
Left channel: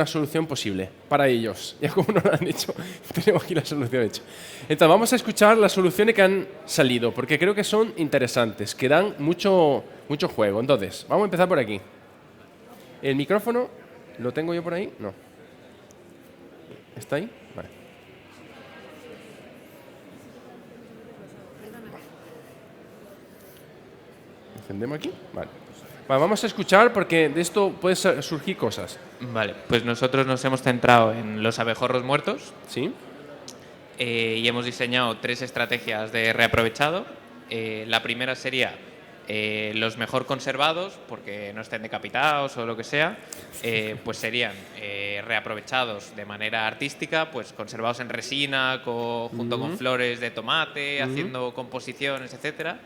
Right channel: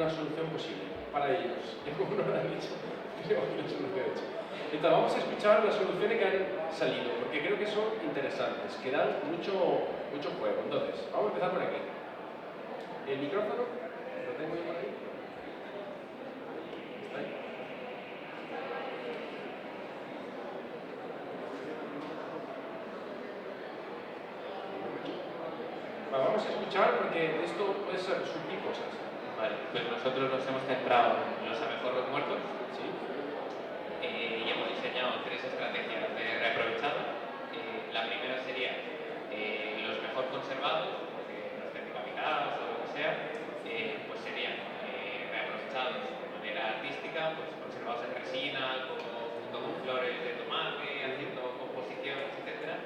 solución posible para ellos. Ya como no lo han hecho, tenemos aquí la solución hecha. Entonces, vamos a escuchar las soluciones que han salido, porque creo que son interesantes, que dan mucho juego. Entonces, vamos a empezar por aquí. ¿El micrófono lo tengo yo por ahí? No. ¿Está ahí? Vale. ¿Encendemos aquí? Vale. Vale, vamos a escuchar porque de esto pueden surgir cosas. Vale, pues nosotros nos hemos centrado en los abejorros muertos. ¿Sí? Y hemos diseñado 3 estrategias de reaprovechado. La primera sería los mejor conservados, porque no estén decapitados o lo que sea, pues serían reaprovechados de manera artística, pues conservados en resina, junto con flores de tomate, haciendo composiciones, etcétera.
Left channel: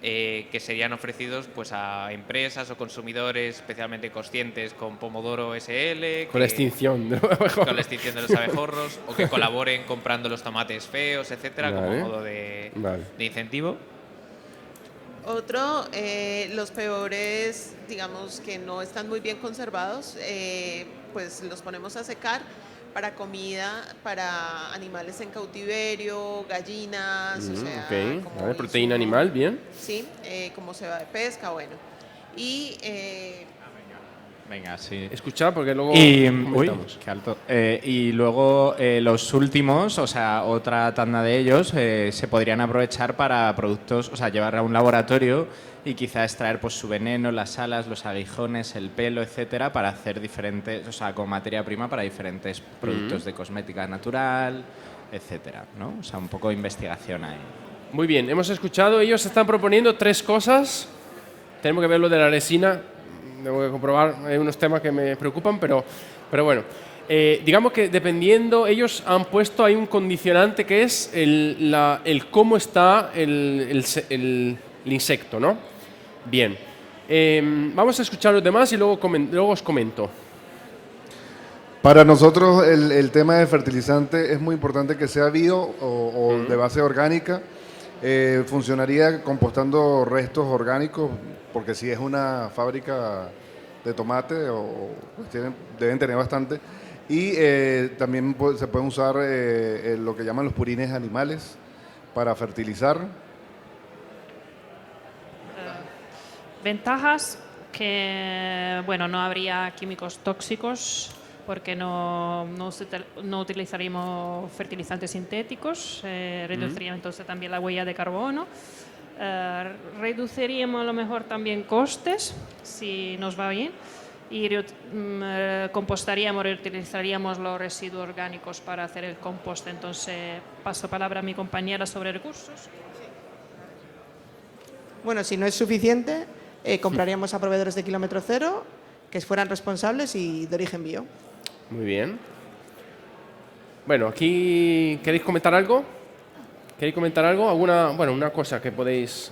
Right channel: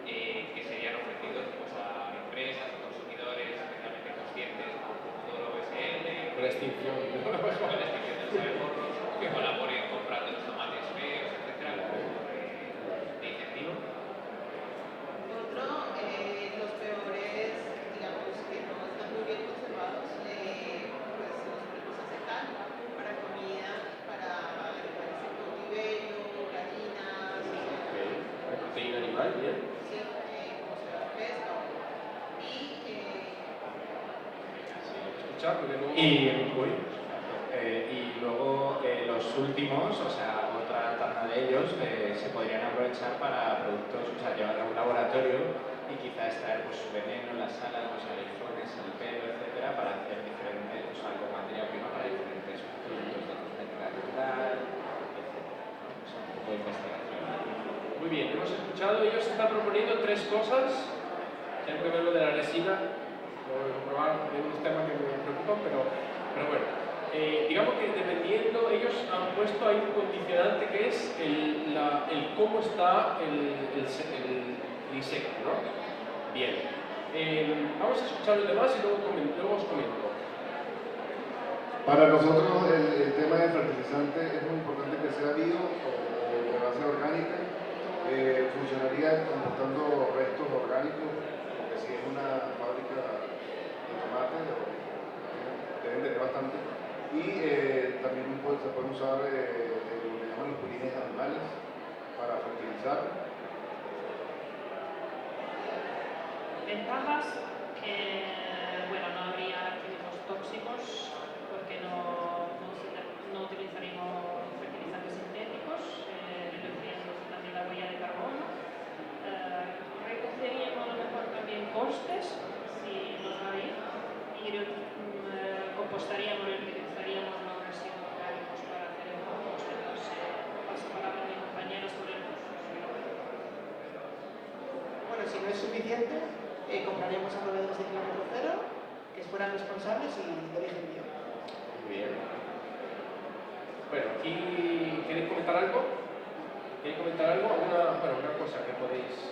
Que serían ofrecidos pues a empresas o consumidores especialmente conscientes con Pomodoro SL, Con la extinción de los abejorros. con la extinción de los abejorros, o que colaboren comprando los tomates feos, etcétera, Vale. como modo de incentivo. Otro, los peores, digamos que no están muy bien conservados, pues los ponemos a secar para comida, para animales en cautiverio, gallinas, o sea... Ok, vale, proteína animal, bien. Sí, como se va de pesca, bueno. Y Venga, sí. escuchar porque luego Y, comentamos. qué alto. Y luego los últimos, o sea, otra tanda de ellos, se podrían aprovechar para productos, o sea, llevar a un laboratorio y quizá extraer pues su veneno, las alas, los aguijones, el pelo, etcétera, para hacer diferentes, o sea, con materia prima para diferentes productos de cosmética natural, etcétera, ¿no? O sea, un poco de investigación ahí. Muy bien, hemos escuchado, ellos están proponiendo 3 cosas. Tenemos que ver lo de la resina, tengo que comprobar, hay unos temas que me preocupan, pero bueno. Digamos que dependiendo, ellos han puesto ahí un condicionante que es el cómo está el insecto, ¿no? Bien. Vamos a escuchar los demás y luego os comento. Para nosotros el tema de fertilizante es muy importante que sea bio o de base orgánica. Funcionaría compostando restos orgánicos, porque si es una fábrica de tomate, deben tener bastante. Y también se pueden usar lo que llaman los purines animales para fertilizar. Ventajas que, bueno, no habría químicos tóxicos porque no utilizaríamos fertilizantes sintéticos, reduciríamos entonces también la huella de carbono, reduciríamos a lo mejor también costes, si nos va bien, y compostaríamos, reutilizaríamos los residuos orgánicos para hacer el compost. Entonces, paso palabra a mi compañera sobre recursos. Bueno, si no es suficiente, compraríamos a proveedores de kilómetro cero que fueran responsables y de origen bio. Muy bien. Bueno, aquí ¿queréis comentar algo? ¿Queréis comentar algo? Una cosa que podéis...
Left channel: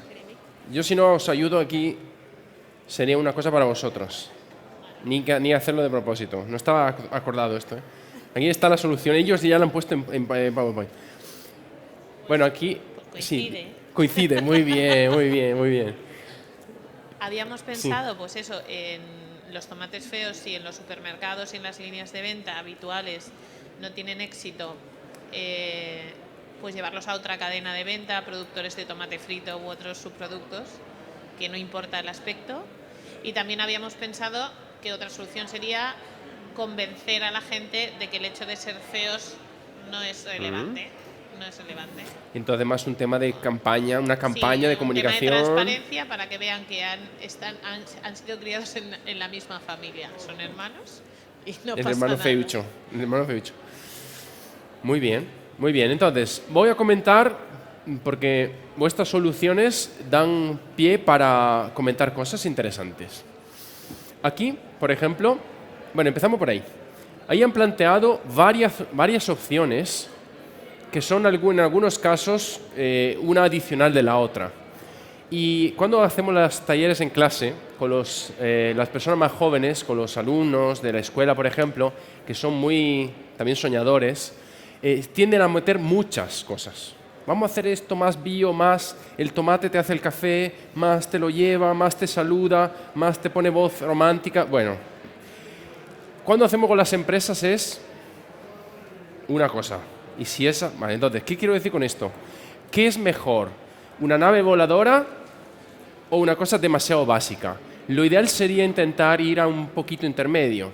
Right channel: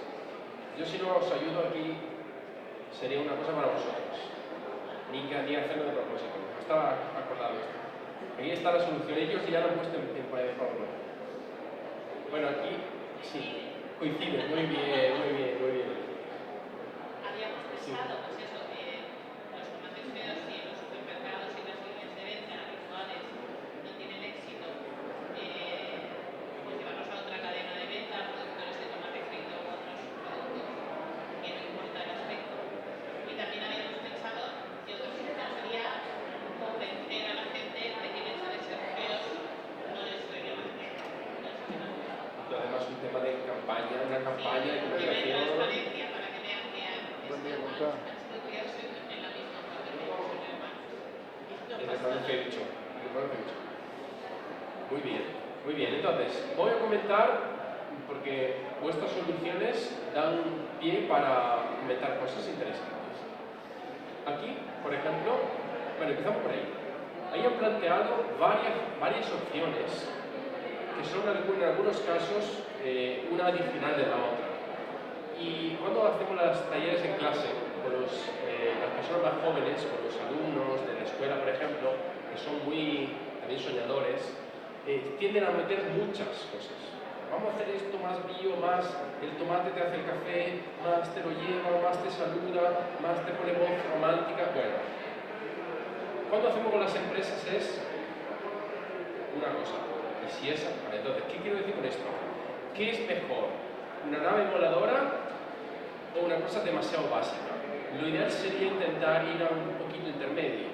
Yo si no os ayudo aquí sería una cosa para vosotros. Ni hacerlo de propósito. No estaba acordado esto. Aquí está la solución. Ellos ya la han puesto en PowerPoint. Bueno, aquí... Sí, coincide. Muy bien, muy bien, muy bien. Habíamos pensado, pues eso, en los tomates feos, y en los supermercados y en las líneas de venta habituales no tienen éxito, pues llevarlos a otra cadena de venta, productores de tomate frito u otros subproductos, que no importa el aspecto. Y también habíamos pensado que otra solución sería convencer a la gente de que el hecho de ser feos no es relevante. No es relevante. Entonces más un tema de campaña, una campaña de comunicación. Un tema de transparencia para que vean que han sido criados en la misma familia. Son hermanos y no pasa hermano nada. Feucho. El hermano Feucho. Muy bien, muy bien. Entonces, voy a comentar, porque vuestras soluciones dan pie para comentar cosas interesantes. Aquí, por ejemplo, bueno, empezamos por ahí. Ahí han planteado varias opciones que son en algunos casos una adicional de la otra. Y cuando hacemos los talleres en clase con las personas más jóvenes, con los alumnos de la escuela, por ejemplo, que son muy también soñadores, tienden a meter muchas cosas. Vamos a hacer esto más bio, más el tomate te hace el café, más te lo lleva, más te saluda, más te pone voz romántica. Bueno, cuando hacemos con las empresas es una cosa. Y si esa... Vale, entonces, ¿qué quiero decir con esto? ¿Qué es mejor? ¿Una nave voladora o una cosa demasiado básica? Lo ideal sería intentar ir a un poquito intermedio.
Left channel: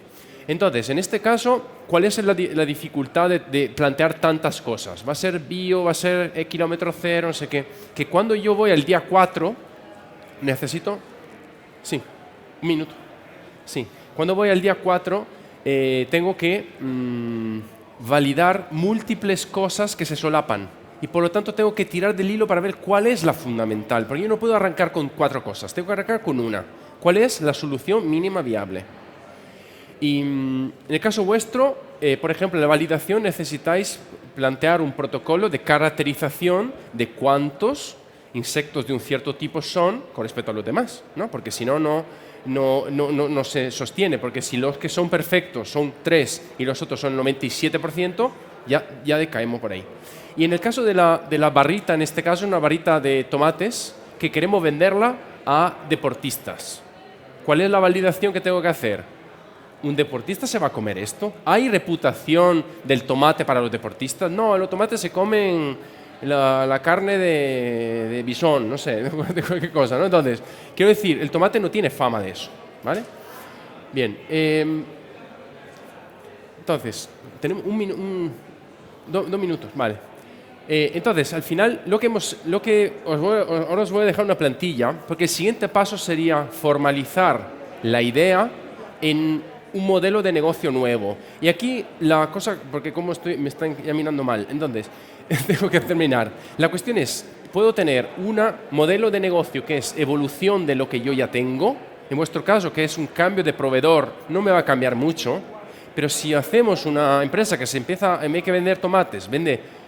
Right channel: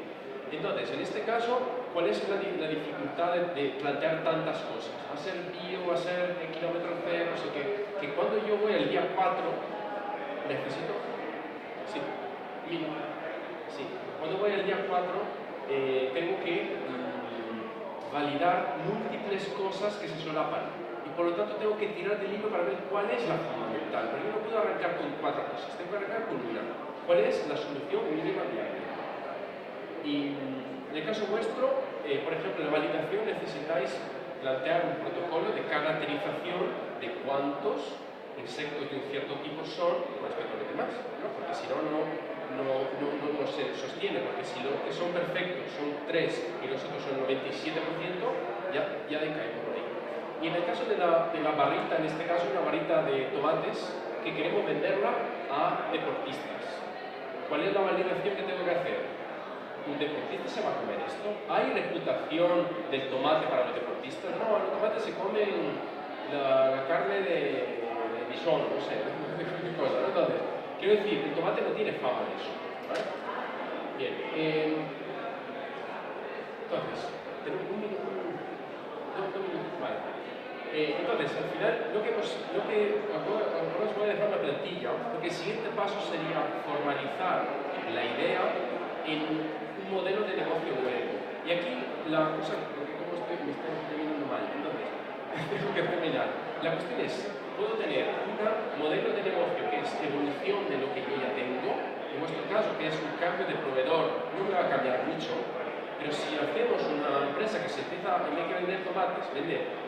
Entonces, en este caso, ¿cuál es la dificultad de plantear tantas cosas? ¿Va a ser bio? ¿Va a ser kilómetro cero? No sé qué. Que cuando yo voy al día 4, necesito... Sí, un minuto. Sí, cuando voy al día 4, tengo que... validar múltiples cosas que se solapan y por lo tanto tengo que tirar del hilo para ver cuál es la fundamental, porque yo no puedo arrancar con 4 cosas, tengo que arrancar con una. ¿Cuál es la solución mínima viable? Y en el caso vuestro, por ejemplo, en la validación necesitáis plantear un protocolo de caracterización de cuántos insectos de un cierto tipo son con respecto a los demás, ¿no? Porque si no, no se sostiene, porque si los que son perfectos son 3 y los otros son 97%, ya decaemos por ahí. Y en el caso de la barrita, en este caso una barrita de tomates, que queremos venderla a deportistas. ¿Cuál es la validación que tengo que hacer? ¿Un deportista se va a comer esto? ¿Hay reputación del tomate para los deportistas? No, los tomates se comen la carne de bisón, no sé, de cualquier cosa, ¿no? Entonces, quiero decir, el tomate no tiene fama de eso, ¿vale? Bien. Entonces, tenemos dos minutos, vale. Entonces, al final, ahora os voy a dejar una plantilla, porque el siguiente paso sería formalizar la idea en un modelo de negocio nuevo. Y aquí la cosa, porque como me están ya mirando mal, entonces, tengo que terminar. La cuestión es, puedo tener un modelo de negocio que es evolución de lo que yo ya tengo. En vuestro caso, que es un cambio de proveedor, no me va a cambiar mucho, pero si hacemos una empresa que se empieza, en vez de vender tomates, vende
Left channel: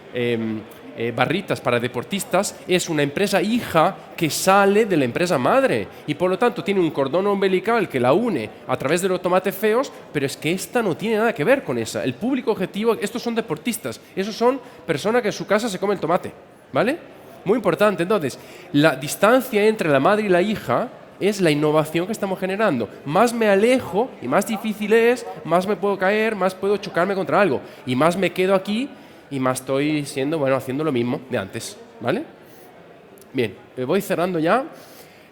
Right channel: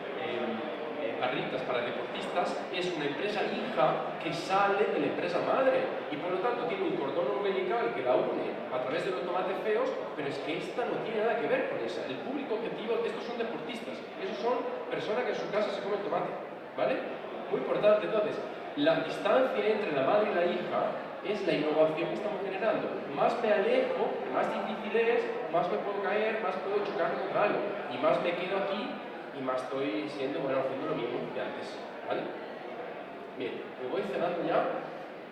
barritas para deportistas, es una empresa hija que sale de la empresa madre y por lo tanto tiene un cordón umbilical que la une a través de los tomates feos, pero es que esta no tiene nada que ver con esa. El público objetivo, estos son deportistas, esos son personas que en su casa se comen tomate, ¿vale? Muy importante. Entonces, la distancia entre la madre y la hija es la innovación que estamos generando. Más me alejo y más difícil es, más me puedo caer, más puedo chocarme contra algo y más me quedo aquí y más estoy haciendo lo mismo de antes, ¿vale? Bien, voy cerrando ya.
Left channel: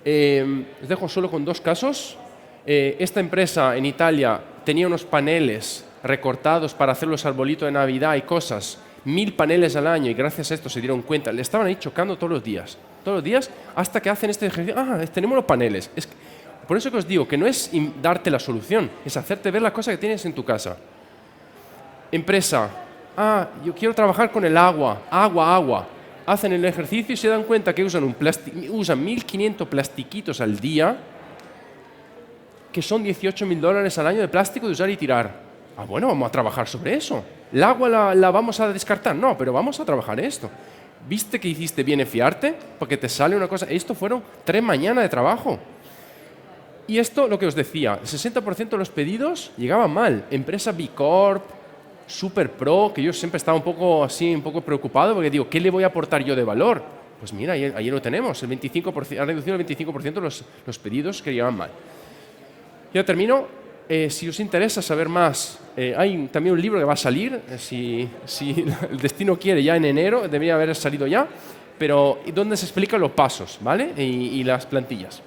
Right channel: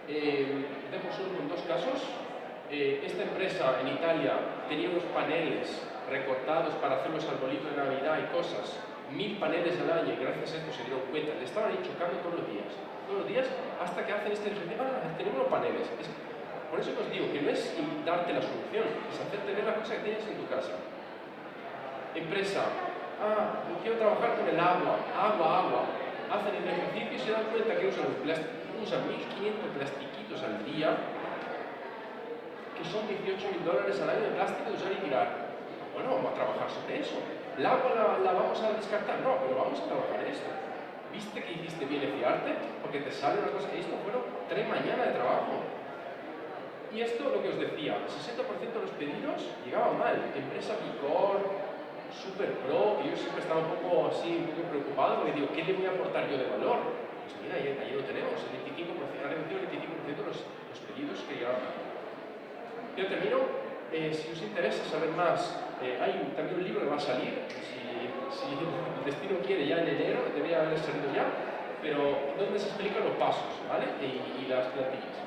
Les dejo solo con dos casos. Esta empresa en Italia tenía unos paneles recortados para hacer los arbolitos de Navidad y cosas, 1000 paneles al año, y gracias a esto se dieron cuenta. Le estaban ahí chocando todos los días, hasta que hacen este ejercicio. Tenemos los paneles. Por eso que os digo que no es darte la solución, es hacerte ver la cosa que tienes en tu casa. Empresa, yo quiero trabajar con el agua. Hacen el ejercicio y se dan cuenta que usan 1.500 plastiquitos al día, que son $18.000 al año de plástico de usar y tirar. Bueno, vamos a trabajar sobre eso. ¿El agua la vamos a descartar? No, pero vamos a trabajar esto. ¿Viste que hiciste bien en fiarte? Porque te sale una cosa. Esto fueron 3 mañanas de trabajo. Y esto, lo que os decía, el 60% de los pedidos llegaban mal. Empresa B Corp, Super Pro, que yo siempre estaba un poco preocupado, porque digo, ¿qué le voy a aportar yo de valor? Pues mira, ahí lo tenemos, ha reducido el 25% los pedidos que llegaban mal. Ya termino. Si os interesa saber más, hay también un libro que va a salir, si el destino quiere, ya en enero, debería haber salido ya, pero donde se explican los pasos, ¿vale? Y las plantillas.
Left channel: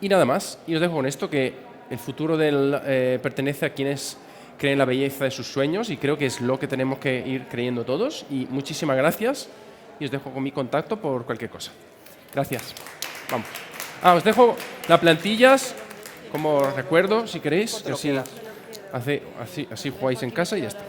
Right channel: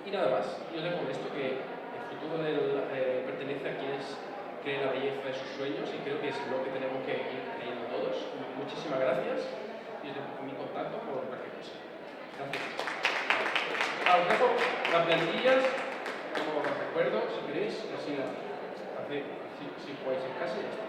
Y nada más, y os dejo con esto, que el futuro pertenece a quienes creen la belleza de sus sueños, y creo que es lo que tenemos que ir creyendo todos. Y muchísimas gracias, y os dejo con mi contacto por cualquier cosa. Gracias. Vamos. Os dejo las plantillas como recuerdo, si queréis, así jugáis en casa y ya está.